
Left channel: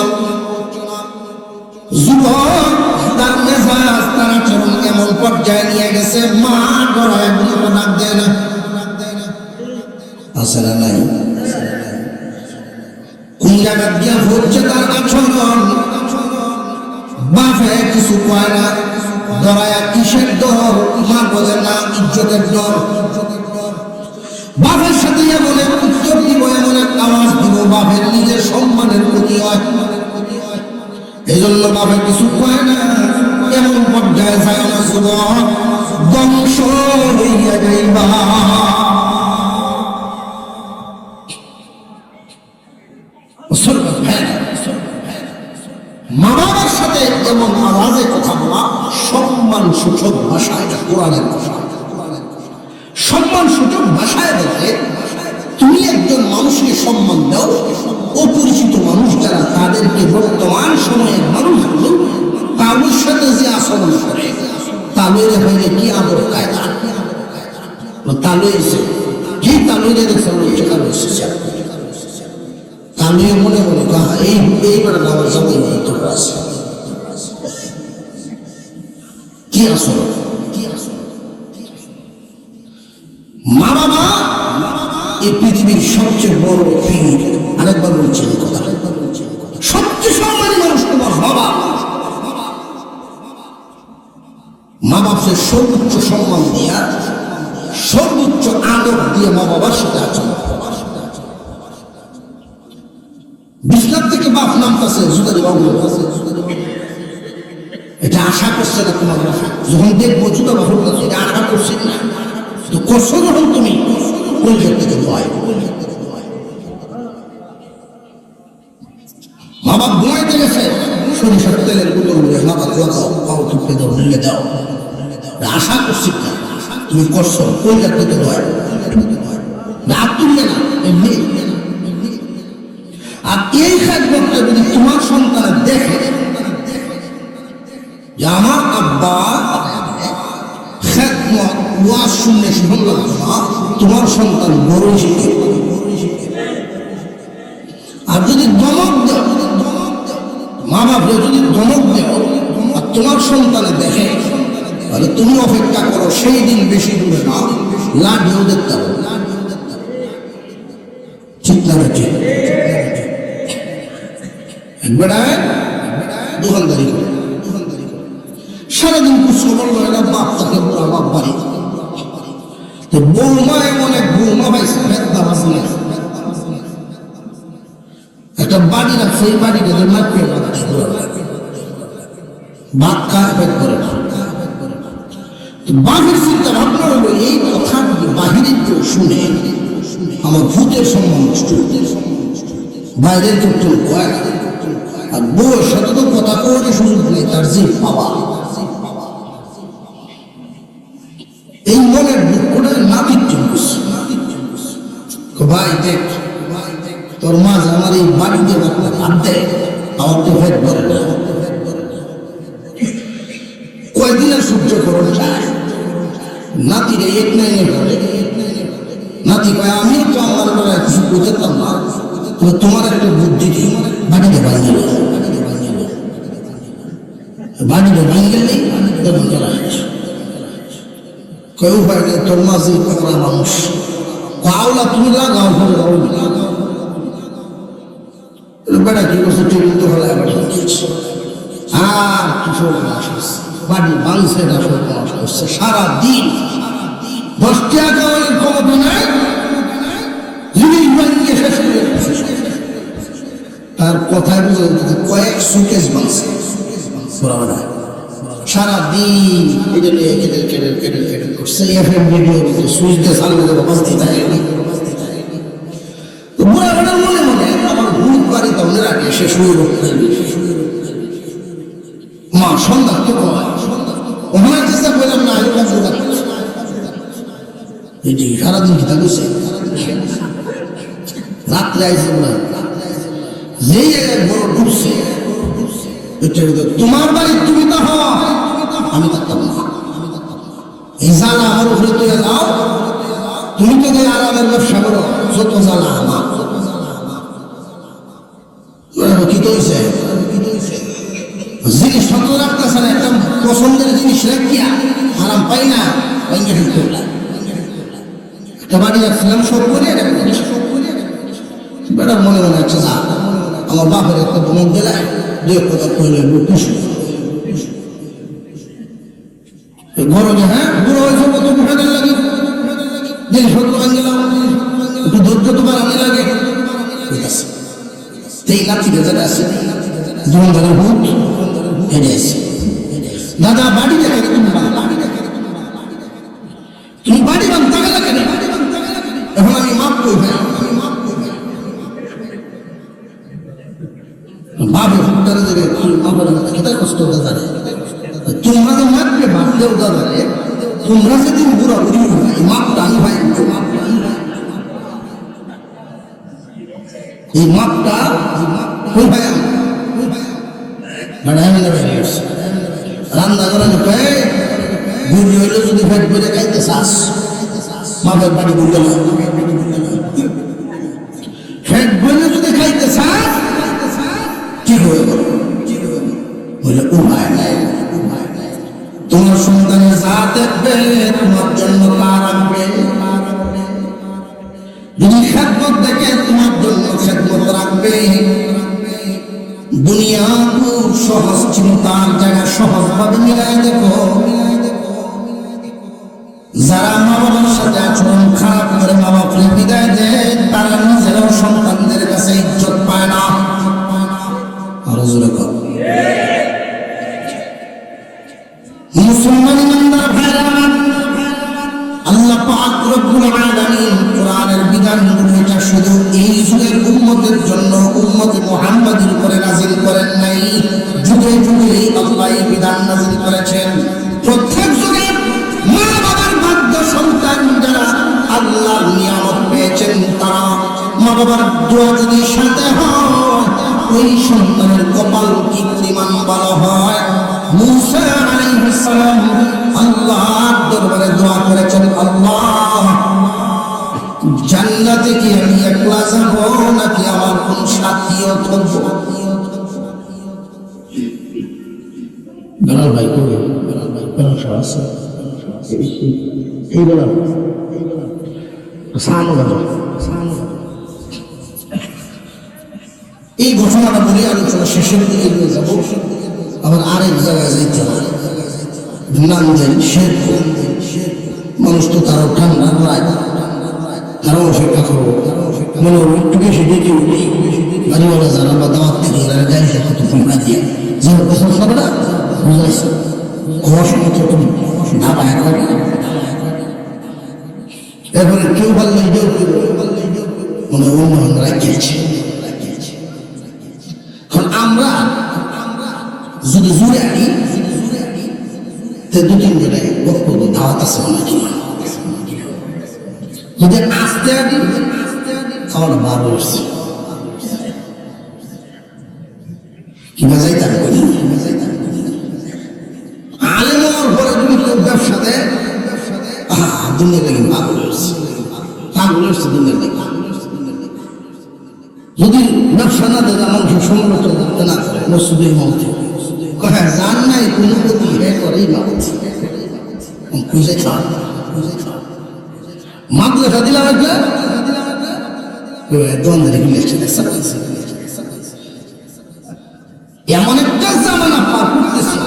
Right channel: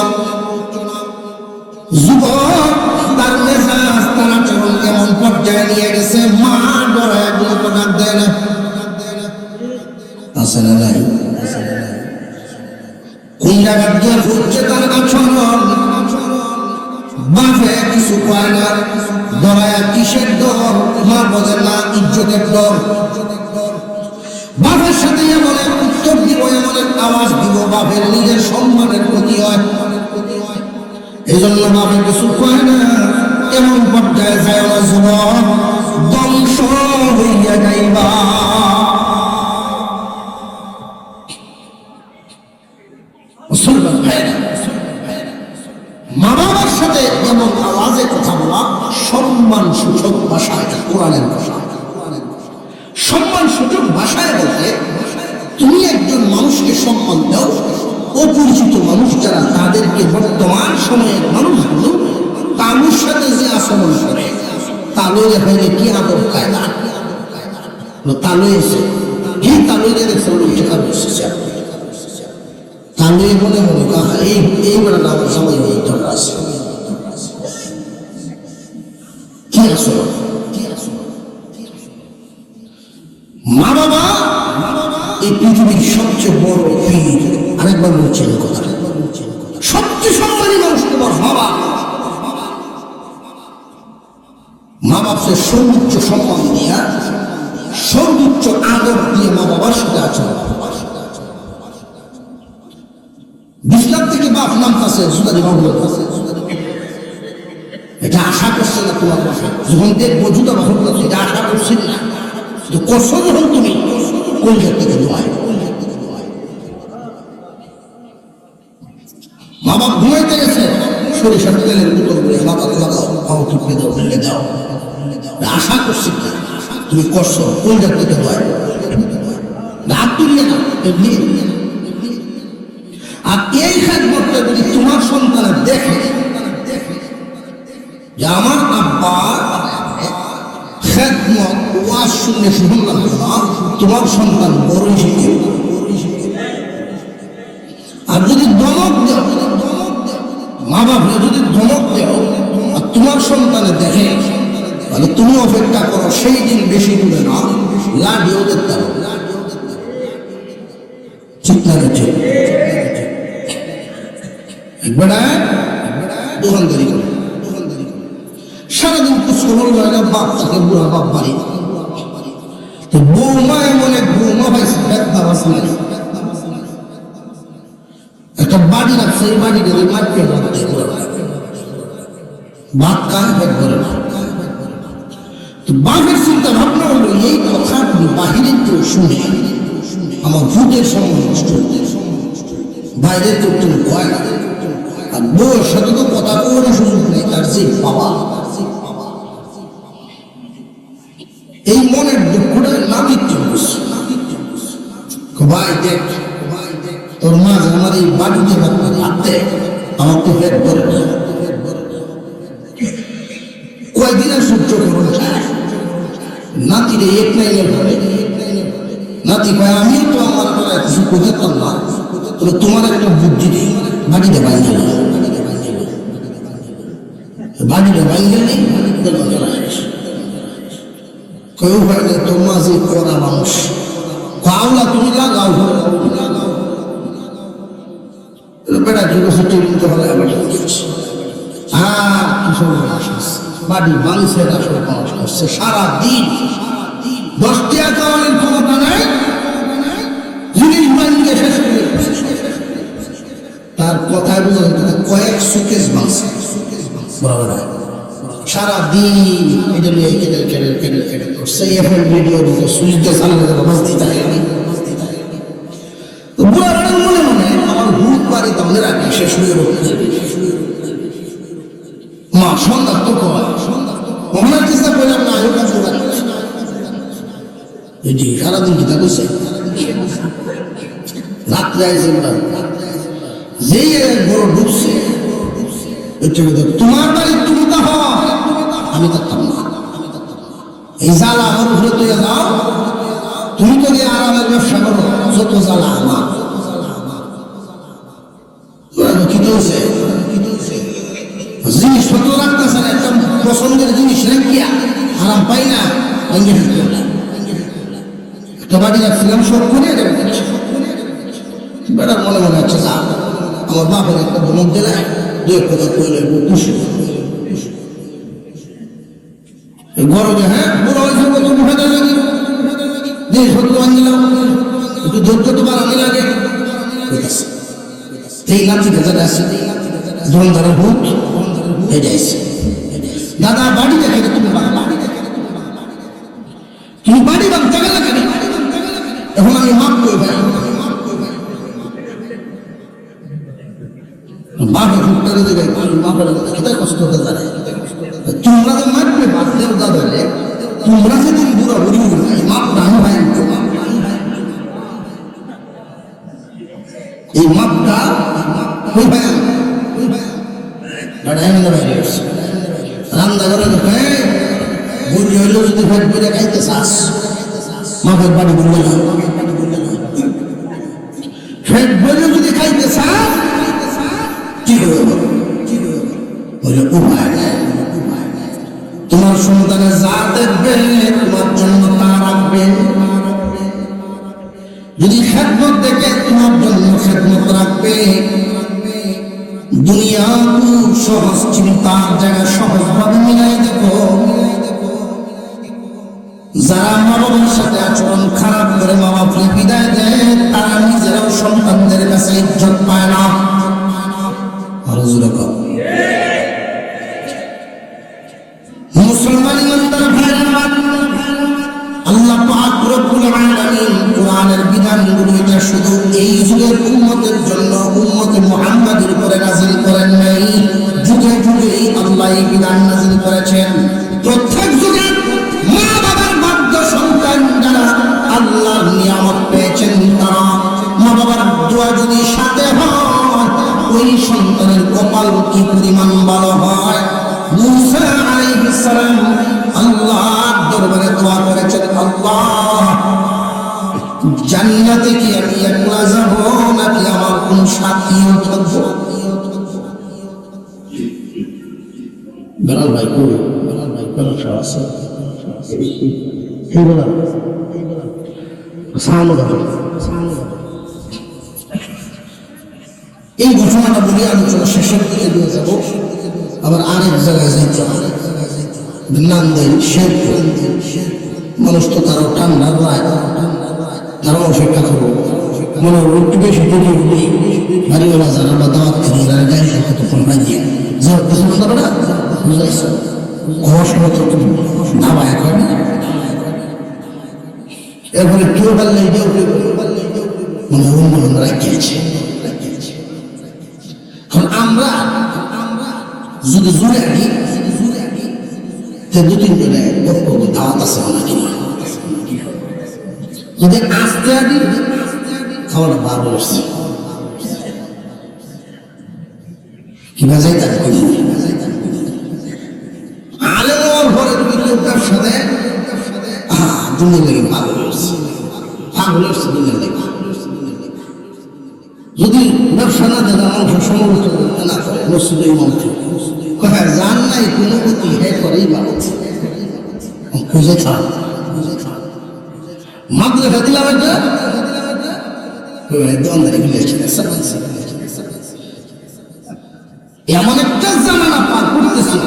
যুবক তার মেজাজ তার আচরণ এমন পর্যায়ে নিয়ে গেছে, মা ডরায় বলতে ডাক দেয় না। আসলে নাই কোন জায়গা দিয়ে হচ্ছে তার আচরণ, বাপে কিছু পায় না, দাঁড়ায় কিসের ডর? মা বলে না ইজ্জতের ডর। বাপের সাথে এমন উত্তর দিব, এমন একটা আওয়াজ দিব, বাপের নিজের সম্মানের ক্ষতি হয়। এই জন্য বাপে কিছু পায় না, এমন পর্যায়ে যায় না যুবক, ধ্বংস হইয়া যাইবা। মা বাবার সাথে এমন আওয়াজে কথা বলা সম্মান সূচক ভাষায়, কোরআনের ভাষা সম্মান সূচক ভাষায় বলতে তুমি একজন মানুষকে সম্মান দাও, অপরিচিত মানুষ যারা তাদেরকে বর্তমান সময়ের মানুষ তাদের সাথে যে আচরণ করে তাদের হয়ে কি আদর কায়দা তালু এসে কে তালু গেছে এখানে এসেছে তালু মনে হলো এই বেড়াটা আমার সঙ্গে কি আচরণ। মা বাবা এই পৃথিবীর সবচেয়ে বড় পীর। আরেকবার বলছি কথা, সবচেয়ে সম্মানী মানুষ তোমার বাবা। মা বাপকে সর্বোচ্চ সম্মান দিয়া, সর্বোচ্চ আদর দিয়ে মা বাবার সাথে আচরণ। বিছনার থেকে বাপ নামতেছে এটা আশা করছে না তোমার বাবা, যখন দেখবো জুতা বাহন করছে এটা আশা করছি না, করছো যখন তুমি কোন থেকে নয়। মা বাপ ঘুমাইতে গেছে, সরিষার তেলের বোতল মাথা লাগাও, আরো টুকরে দাও, ঢেলে দাও, আশা করছি তুমি করছো কোন থেকে নয়। রাগ তুললে না এমনি। আর এই ক্ষেত্রে যদি তোমার সন্তান দেখে যে আমার আব্বা ওয়াজ শুনলে শুনলাম না, তোমার সন্তান বড় শিখে। আর যদি ধমক দেও, মা বাপকে যদি ধমক দেও আর তোমার সন্তানে দেখে, তাহলে তুমি অপেক্ষা করো, সেই দিন বেশি দূরে না, লাঠিও দেখতে হবে। ঠিক লাগে দোকানদারি করে সারাদিন কুসো বলবো এটা বাপ তাকে বুড়া বাপ বাড়ি বৌমা এমন এক বৌমা পাইছে একটা বাড়ি রাখছে, এই বাড়িটা মারবে ভাত খাওয়া বের করে বাঘের চিন্তা ভাবনা হলো এই কথাগুলো বাহিরের কেউ শুনে আমার ভূতের সম্মান নষ্ট, বাইরের কেউ কেউ ভয় না। আর বউয়ের সাথে তো কথা করে সুযোগ নেই, তার জিভ বাবা। এই মনের দুঃখটা নাতির জন্য ভাই দেখ তোর মা যে আমার এই বাড়িতে হাত দেয়, আমার তো হেড করে কয়দিনের সহ্য করুন যায়। নাতিরে এক লাইনের পরে নাতি ভাই আমি তো আমার বেলায় কিছু বোঝাতাম না, তবে তোমার একটা বুদ্ধি দিই, বাড়িতে বাইরে বাড়িতে বাইরে নেই কেউ হয় তোর মাঝে করা মানুষ পাওলা তুমি না গাও বেড়া কি করছে টিকিট হলে আর কিশোর বাড়ি বাংছে মানুষ করছে সারাদিন 10 টাকা খাওয়ানোর ক্ষমতা নেই, জিনিস বাড়িতে তার কথায় বুঝে কয়েক সুকেশ বাংছে সারাদিন এটা নিয়ে কেটে কেটে কেটে কেটে করছে। এখন ভিডিও দিতে সুইচটা চালানো যাবে বাঁচতে চাই মনে মনে আমার ভূত বাড়ি তাহলে রাখি সে শুয়ে রক্ষে মা সন্ধ্যা তো ওখানে চেষ্টা করলাম না আয়ু কাছে এটি সারাদিন কি থাকছে রাত্রে আইসে যে বড় ঢুকছে তোমার বাড়ি তুমি তো হয় এই জানা আমার উপরে তুলে দাও, তুমি তো এই আরামের ব্যবসা করো, যত জানা আমার কি করেছে জিনিসপত্র রাখতেছে না, একটা পছন্দের জিনিস রাখিয়া আরাম পাই না, ভেঙে ফেলতে না। একটা বাড়ি রাখছিলাম শোর করে বেড়া মনে মনে হচ্ছে যা আমার বাপের একটা বোন দিলায় 2,000 করে খুশি গরমে। হ্যাঁ বুড়ো হয়েছে তো মুখে লাগে জিনিসপত্র আনলাম, একটু ধরতে তোমার আনি লাগে, ঠিক আছে এই লাঠি যেটা আছে দোকানদারের ভূত হেঁটে আসছে। দাদা বাড়ি দেখে তুমি তুমি বাড়ি বাঁধতে গেলে কেন? এখন আমি মাপ করি ভাই, বাপের ভূতটারে দেবে বাপের তার কষ্ট হতে জানে। তোমরা যে মাপবে বাঁধতেও দাদারে, তোমরা সেদিন পুরো মাপ টানো ভাই, এই মাপটা রান্না করে দেখে বুড়ি হইলেও যদি ফেট করে খাইতে চাস মাপের বাড়ি বুঝলে না, ফেট বলে যদি খাইতে চাস কি হবে বলে উপায় নাই। তোমার সন্তানের চা দেখবে তোমার জন্য তা রাখবে, যদি খেদমত দেখে তোমার জন্য খেদমত রাখবে। দুনিয়া সহজ চিন্তার জায়গায় সহজভাবে মিলাই দেখো, যারা মা বাবার সাথে আচরণ খারাপ করে মা বাবাকে বিদায় দেয় তারা নিজেরাও সন্তানদের কাছে ইজ্জত পায় না। আরো জোরে কর মুসলমান ইমানদার ভাইরা, আল্লাহ পাক রব্বুল আলামিন কোরআনের বিধানগুলো এটা শুধু এই যুগের উম্মতের জন্য উম্মতে মুহাম্মাদের উপরে নাযিল করেন নাই, যুগে যুগে আল্লাহ এই বিধান নাযিল করেছেন। প্রত্যেক যুগে মা বাবার বাধ্য সন্তান যারা আল্লাহর নিয়ামত পেয়েছেন তারা মা বাবার দোয়া যদি সাথে হয় ওই সন্তানের কপাল কি পরিমাণ ভালো হয়। মুসা আলাইহিস সালাম আল্লাহর দরবারে দোয়া করেছেন, আল্লাহ জান্নাতে কি আমি একলা যাব নাকি আমার কোন সাথীও থাকবো? বেলাল ভাই কই বেলাল আছে এই বেলাল এই ঘটনাটা বলে আলোচনা শেষের দিকে নিয়ে যাব। আবার আরেক জায়গায় যাইতে হবে, নান্দের শেরপুর মানুষ তো তারা ঠান্ডা প্রায় তারাও সেটা করবো মনে একটু বেশি দেখে উঠি বাড়িওয়ালা যারা বা দাওয়াত থেকে এরা গাড়ি থাকে তো তোমরা দিয়ে যাও পছন্দ করে না বুঝেছো আমার সময় তো নামায় করে না। এরপরে কেউ বললে মনে অনুমান রাখিয়েছে। আমরা যদি জোরে আনি দু তিন জনে দাওয়াত আছে যদি আসতে আনি আমার বার বসছে কি বাজাই তার করি আলেমর ঘরে যদি কেউ ব্যবসা দেয় তুমি দেখি পাগল হচ্ছে যদি ব্যবসা না দেয় মানুষ সমবেত করতে না করে মসজিদের মধ্যে কোথায় জান নাই কোনো ক্ষতি হে করেই ভালো খুঁজে ছাড় মাদ্রাসা দিলাম এমন একটা জামানা পার করতেছি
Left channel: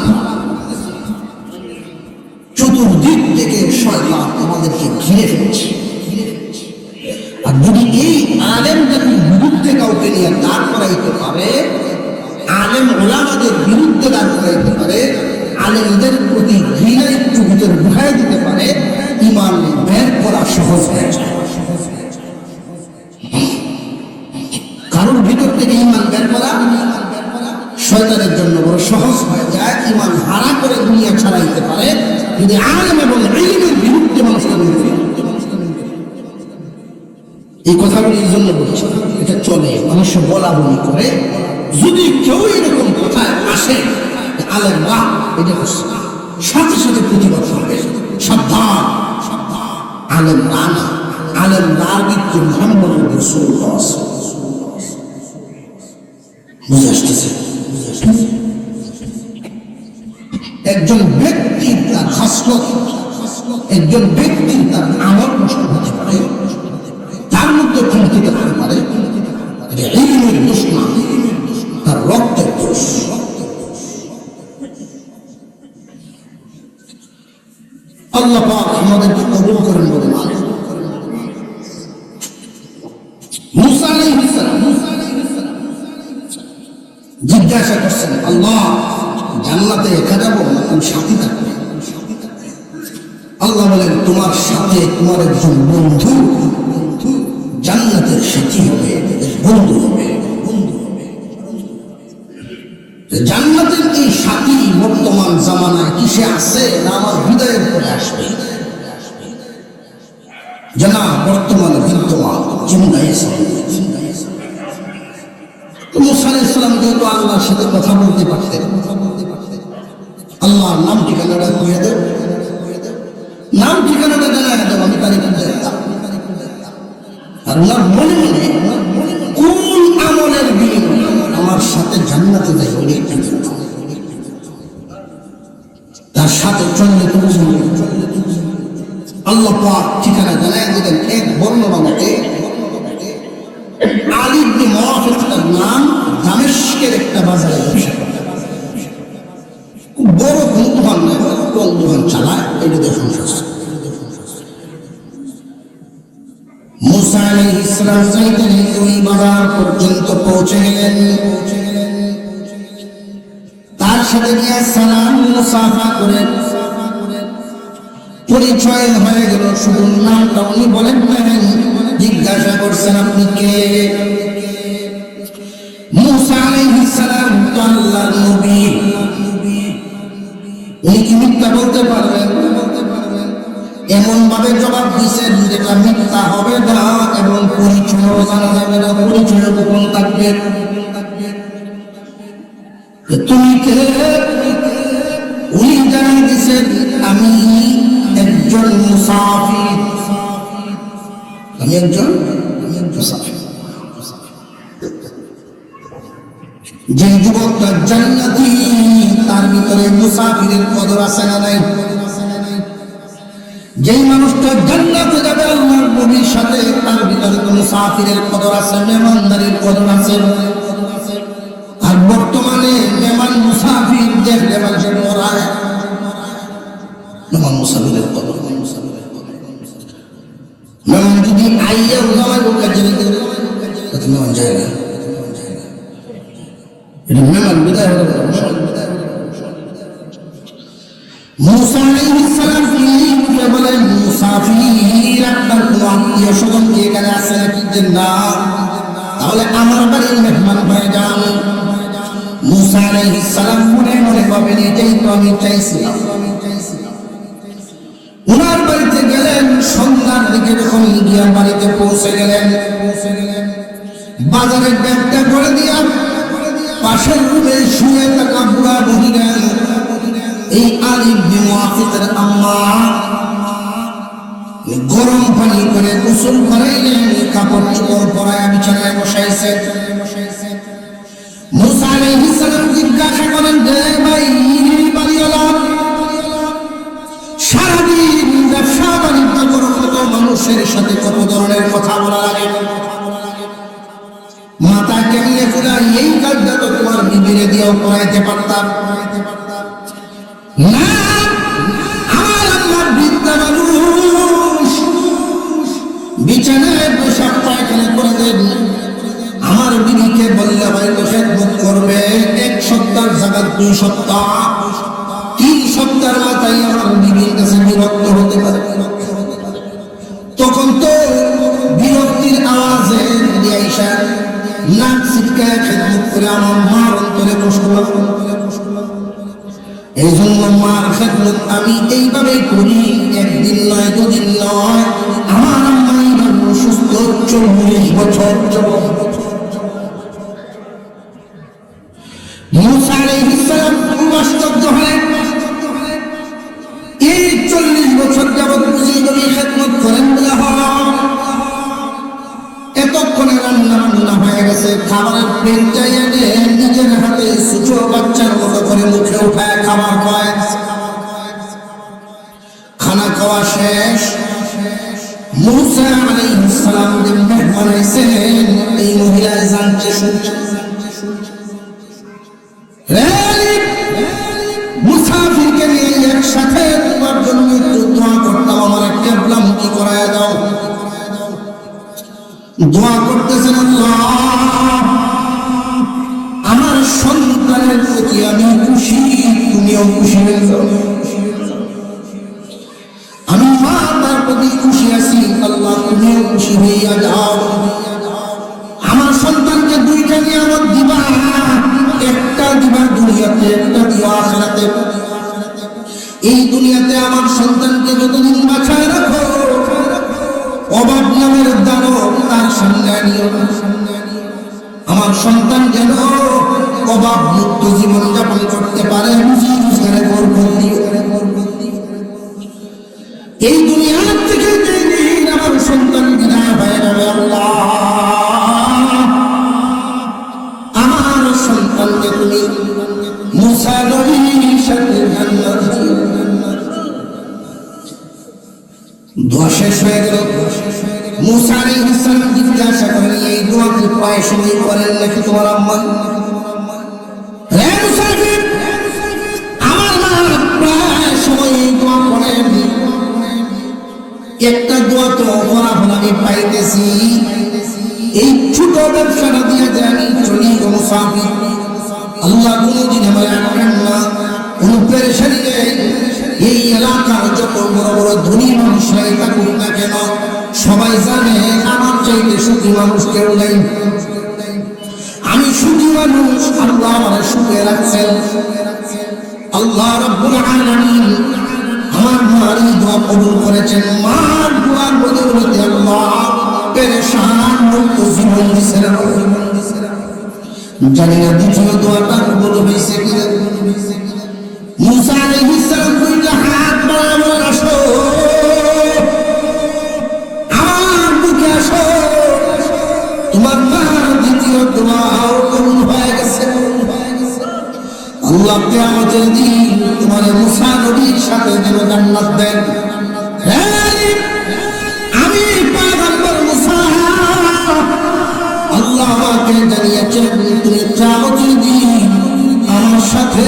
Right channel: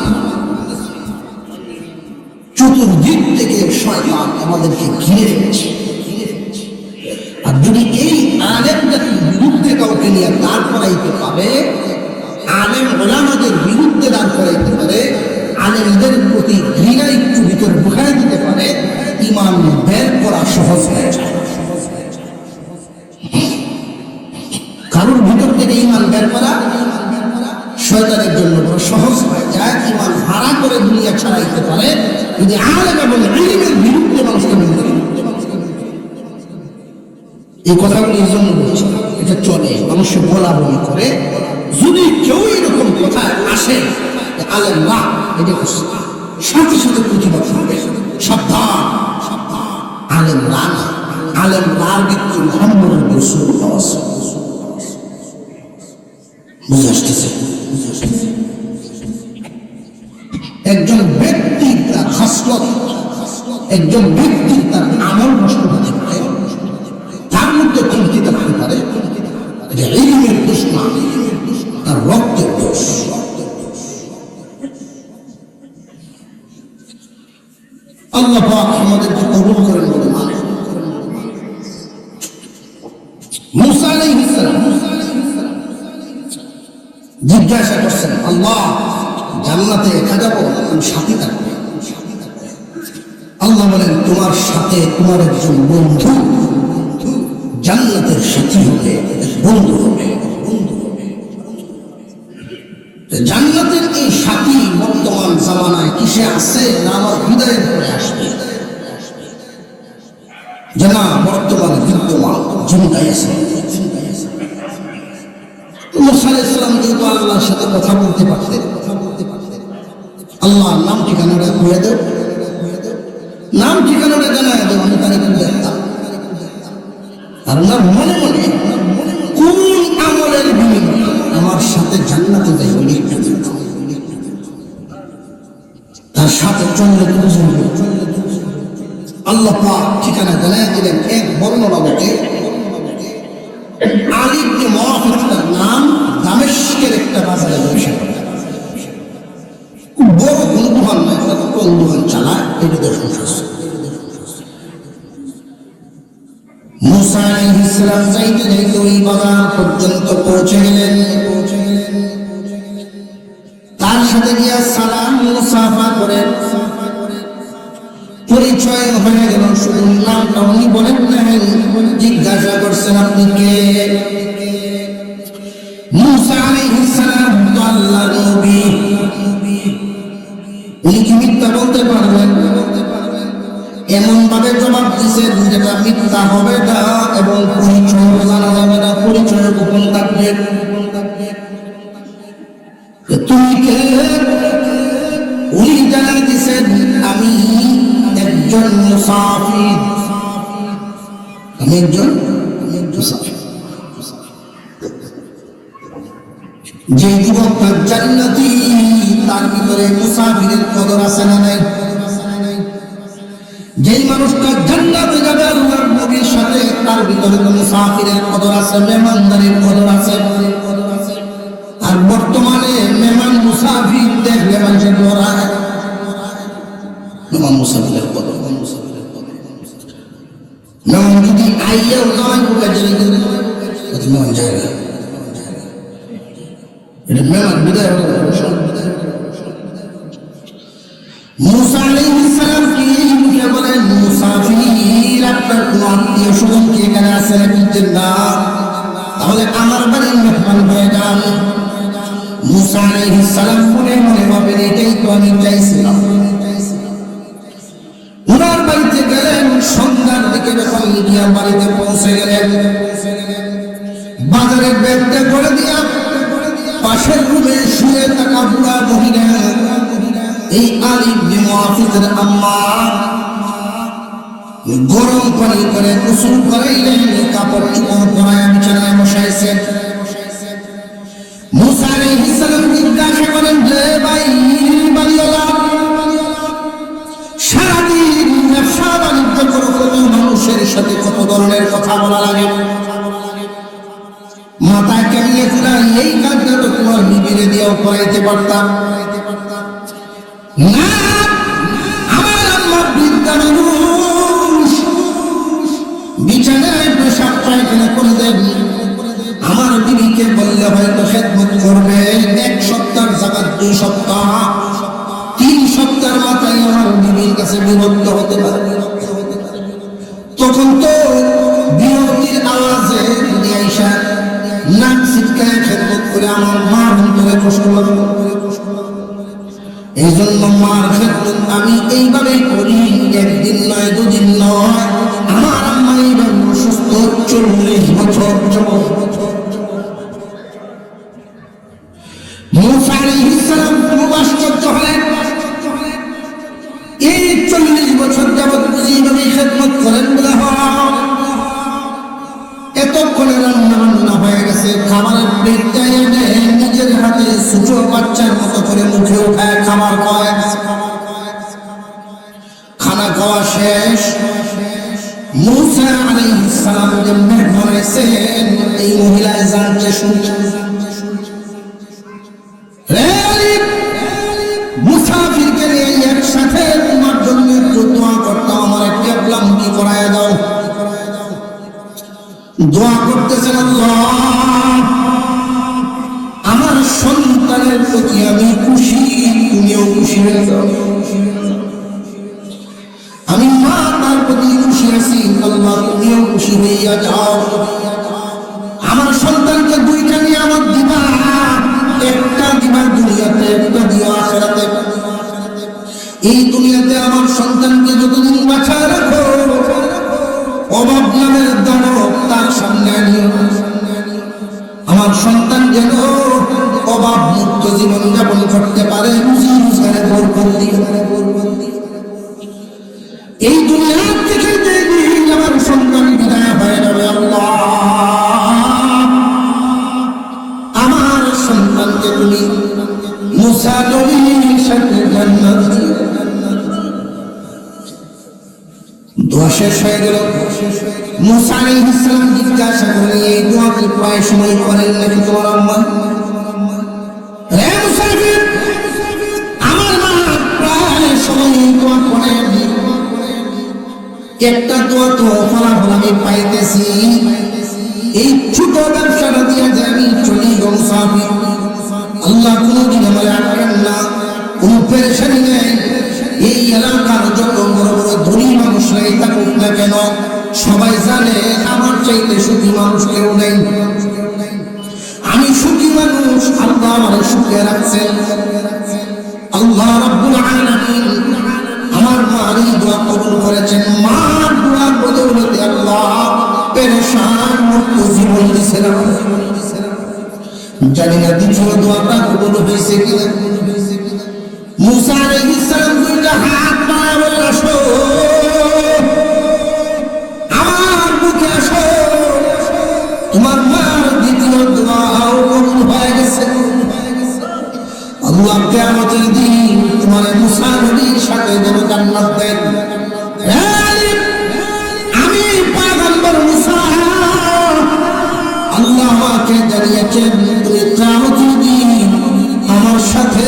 চতুর্দিক থেকে শয়তান আমাদেরকে ঘিরে ফেলছে। আর যদি এই আলেমদের বিরুদ্ধে কাউকে নিয়ে দাঁড় করাইতে পারে, আলেম ওলামাদের বিরুদ্ধে দাঁড় করাইতে পারে, আলেমদের প্রতি ঘৃণা একটু ভিতরে ঢুকাই দিতে পারে, ইমান বের করা সহজ হয়ে যায়। কারোর ভিতর থেকে ইমান বের করা শয়তানের জন্য বড় সহজ হয়ে যায়। ইমান হারা করে দুনিয়া ছাড়াইতে পারে যদি আলেম এবং ইলমের বিরুদ্ধে মানুষকে এই কথাগুলির জন্য বলছি এটা চলে মানুষ বলা বলি করে। যদি কেউ এরকম কথায় আসে আলেম না এটা সাথে সাথে প্রতিবাদ করবে, সাবধান একজন ব্যক্তি তার খাসলত, একজন ব্যক্তি তার আমল নষ্ট হতে পারে, তার মধ্যে চিন্তিত হতে পারে যে ইলমের দোষ না, তার রক্তের দোষ। আল্লাহ পাক আমাদেরকে কবুল করেন। মুসা আলাইহিস সালাম জিজ্ঞাসা করছেন, আল্লাহ জান্নাতে একা যাবো না সাথী থাকবে? আল্লাহ বলেন, তোমার সাথে তোমার একজন বন্ধু জান্নাতের সাথী হবে, বন্ধু হবে। জান্নাতের এই সাথী বর্তমান জামানায় কিসে আছে না আমার হৃদয়ের পরে আসবে? জানা বর্তমানে বিদ্যমান চিন্তাই আছে। মুসা আলাইহিস সালাম যেহেতু আল্লাহর সাথে কথা বলতে পারতেন, আল্লাহর নাম ঠিকানাটা বলে দেব, নাম ঠিকানাটা জানাই দেব, আমি তারিখ দেখতাম। আল্লাহর মনে মনে কোন আমলের বিনিময়ে আমার সাথে জান্নাতে যাইবে তার সাথে চললে আল্লাহ পাক ঠিকানা জানাই দিলেন। এক বর্ণনা মতে আলী ইবনে মুআফির নাম দামেস্কের একটা বাজারে ব্যবসা করে, খুব বড় দোকান, কোন দোকান চালায় এটা দেখুন। মুসা আলাইহিস সালাম যাইতেন ওই বাজার পর্যন্ত পৌঁছে গেলেন। তার সাথে গিয়া সালাম মুসাফা করে পরিচয় হয়ে গেল। শুধু নামটা উনি বলেন নাই, জিজ্ঞাসা করছেন আপনি কে? মুসা আলাইহিস সালাম তো আল্লাহর নবী, উনি কি মিথ্যা বলতে পারবেন? এমন ভাবে জবাব দিয়েছেন যেটা মিথ্যা হবে না এবং পরিচয় জানা যাবে না। পরিচয় গোপন থাকবে। তুমি কে? উনি জানিয়ে দিয়েছেন আমি একজন মুসাফির, আমি একজন মুসাফির। যে যুবকটা জান্নাতি তার ভিতরে মুসাফিরের কদর আছে না নাই? যেই মানুষটা জান্নাতে যাবে আল্লাহর নবীর সাথে, তার ভিতরে মুসাফিরের কদর আছে, মেহমানদারির কদর আছে। আর বর্তমানে মেহমান মুসাফির দেখলে মানুষের মরায়। মেহমান মুসাফিরের কদর, মেহমান যদি আইয়ে ওলামায় বোকা জেনে দেবে মেহমান জায়গা, এটা মেহমান বিদায় হবে। মুসা আলাইহিস সালাম কি বলেন, মুসাফির আপনার কোন আত্মীয় স্বজন কি এখানে আছে নাকি? না, তাহলে আমার বাড়ির মেহমান হয়ে যান। মুসা আলাইহিস সালাম মনে মনে ভাবেন এটাই তো আমি চাইছিলাম। ওনার বাড়িতে গেলেন, সন্ধ্যার দিকে যখন গিয়া বাড়িতে পৌঁছে গেলেন, বাজারের ব্যাগটা করে দিয়া পাশের রুমে শুয়ে থাকা বুড়া বুড়িরা এই আলী ইবনে মুআফিরের আম্মা গরম পানি করে গোসল করাইলেন, কাপড় চোপড় পরায় বিছানায় বসাইছে। মুসা আলাইহিস সালাম জিজ্ঞাসা করেন, হে ভাই বাড়িওয়ালা, সারাদিন ব্যবসা বাণিজ্য করে কত মানুষের সাথে কত ধরনের কথা বলা লাগে, মাথায় কেমনে ফেলার এই কাজটা তো তোমার বিবিরে দিয়েও করাইতে পারতাম না। আমার আল্লাহ বিদ্যা মানুষ, বিছানায় পেশাব পায়খানা করে দেন। আমার বিবিকে বললে হয়তো খেদমত করবে, 1 সপ্তাহের জায়গা 2 সপ্তাহ 3 সপ্তাহের মাথায় আমার বিবির কাছে বিরক্ত হতে পারে। তখন তো বিরক্তির আওয়াজে আইসা নাক ছিটকায় খেদমত করে আমার মা অন্তরে কষ্ট পাবে। এই জন্য মার খেদমত আমি এইভাবেই করি, 1 দিন নয় 2 দিন নয়। আমার আম্মা এইভাবে অসুস্থ 40 বছর যাবত। মুসা আলাইহিস সালাম খুব আশ্চর্য হলেন, এই 40 বছর যাবত এইভাবে খেদমত করেন বোধ হয়। এতক্ষণে রান্না হয়ে গেছে, খাবারের বেঞ্চাইয়া নিজের হাতে ছোট বাচ্চা একসাথে তোমার জন্য একটু দোয়া করতাম, আমার একটা লম্বি করায় দাও। দোয়া করতেছেন, আল্লাহ আমার সন্তানের প্রতি আমি খুশি, তুমিও খুশি হয়েছ। আমি মা তার প্রতি খুশি আছি, আল্লাহ তুমিও খুশি হইয়া যাও। আমার সন্তানকে দুইটা নিয়ে আমার দিবা, একটা দিবা দুনিয়াতে, একটা দিবা আখিরাতে। এই দুনিয়াতে আমার সন্তানকে যতদিন বাঁচায় রাখো, অভাব নামের দানব তার সঙ্গে নিও। আমার সন্তান যেন অভাব মুক্ত জীবন যাপন করতে পারে, এই দুনিয়ার থেকে যেদিন আমার সন্তান বিদায় হয়ে যাবে, আল্লাহ আমার সন্তানকে তুমি মুসা নবীর সাথে জান্নাত দিও। দোয়া শেষ হয়ে গেল। মুসা আলাইহিস সালাম জিজ্ঞাসা করলেন, এই দোয়া কি প্রায় সময় করেন নাকি তোমার আম্মা? হে মুসাফির, আমার মা প্রায় সময় দোয়া করেন। একটা দোয়া তো ফলাফল আমি পাইতেছি, এই ছোট ব্যবসাটা দিয়ে যাই চলি গো মুসাফির। আল্লাহ কোনদিন আমার আটকেন না, কোন পেরেশানি নেই। এই এলাকার যত বড় বড় ধনী মানুষরাই থাকুক না কেন, সবাই জানে আমার চাইতে সুখী মানুষ কেউ নেই। আমি সুখী মানুষ, আল্লাহ আমার সুখে রাখছেন। আল্লাহ রাব্বুল আলামিন আমার মার এই দোয়া কবুল করেছেন। মার দোয়ার বদৌলতে আল্লাহ পেরেশান মুক্ত জীবন দিয়েছেন। জানি না দ্বিতীয় দোয়াটা কবুল হয়েছে কিনা। মুসা আলাইহিস সালাম দুইটা হাত বাড়ানো, আসো আমার বুকে আসো, তোমার দ্বিতীয় দোয়াও কবুল হয়ে গেছে। আল্লাহ কিয়ামতের দিন তোমার মুসা নবীর সাথে যেন জান্নাত দেন। আমি পয়গম্বর মুসা, আল্লাহ আমাকে জানিয়েছেন তুমি কিয়ামতের দিন আমার সাথে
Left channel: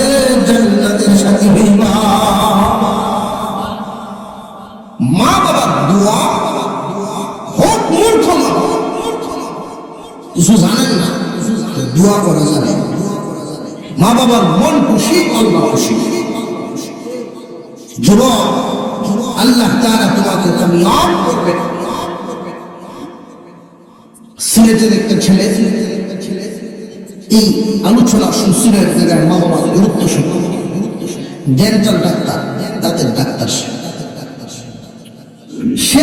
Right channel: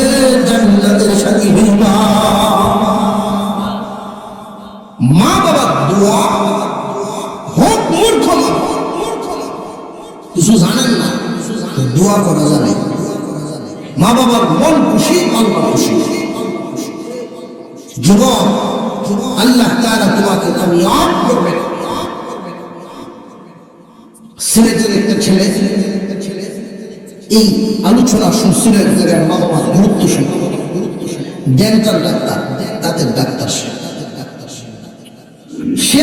জান্নাতের সাথী হইবা। মা বাবার দোয়া হোক মূর্খ না, কিছু জানেন না, দোয়া করে জানেন। মা বাবার মন খুশি, আল্লাহ খুশি। যুবক, আল্লাহ তাআলা তোমাকে কামিয়াব করবে। সিলেটের একটা ছেলে এই আলোচনা শুনছিলেন, জায়গায় মা বাবার গুরুত্ব শুনে ডেন্টাল ডাক্তার, দাঁতের ডাক্তার। সে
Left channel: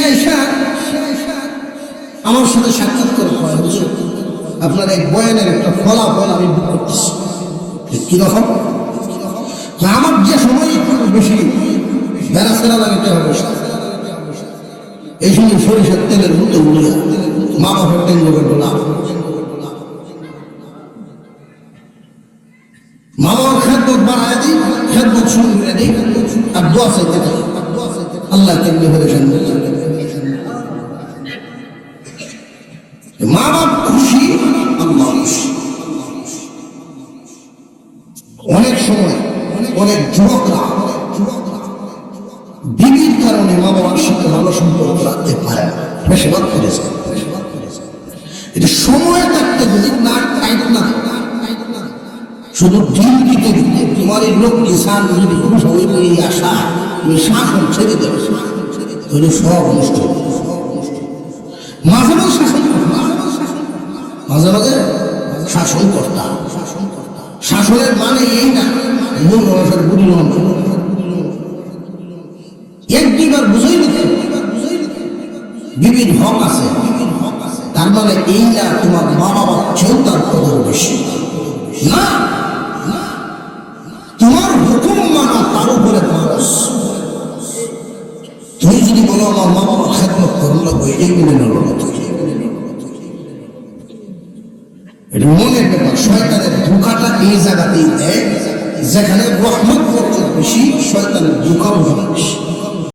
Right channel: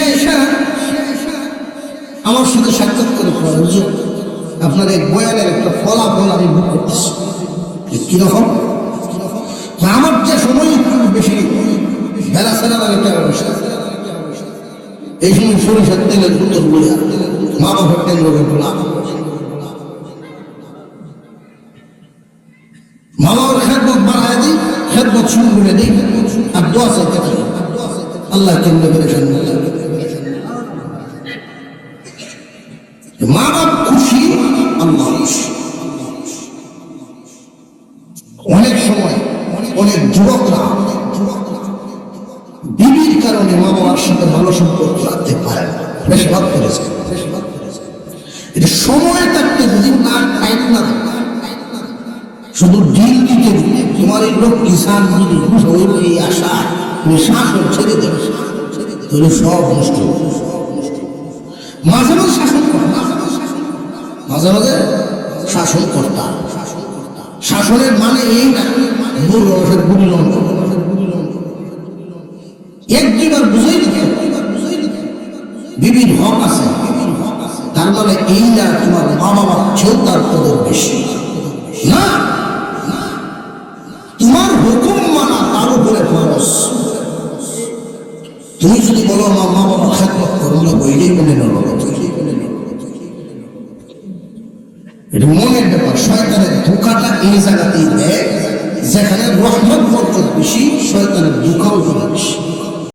আমার সাথে সাক্ষাৎ করে হুজুর, আপনার এক বয়ানের একটা ফলাফল আমি ভোগ করতেছি। কিরকম? আমার যে সময় বেশি বেড়া ফেরা লাগে, এই সময় সরিষার তেলের মতো বলে মা বাবার তেল বলা, মা বাবার খেদমত বাড়ায় দিই, খেদমত সম্পূর্ণ দিই, আর দোয়া চাইতে থাকি আল্লাহ কেমনে পেরেছেন। মা বাপ খুশি, আল্লাহ খুশি। অনেক সময় অনেক যুবকরা বিবির কারণে মা বাবার সাথে ভালো সম্পর্ক রাখতে পারে না, বেশিরভাগ করেছে। এটা সময় থাকতে যদি না টাইট না শুধু দিন দিতে দিতে তোমার এই লোক কিষান যদি শরীরে আসা শাসন ছেড়ে দেবে, সব নষ্ট। মাঝে মাঝে শাসন করতাম, মাঝে মাঝে শাসন করতাম। শাসনের মানে এই না মূল রসের বুড়ি লঙ্গ এক দুইবার বুঝেই দিতে বিবির হক আছে, তার মানে এই না তোমার মা বাবার চেয়েও তার কদর বেশি না। তোমার হুকুম মানা তার উপরে খরচ। তুমি যদি বলো আমার মা বাবার খেদমত করলো, এটাই মেনে নেব না। এটা মনের ব্যাপার। শয়তানের ধোঁকাটা এই জায়গাতেই দেয়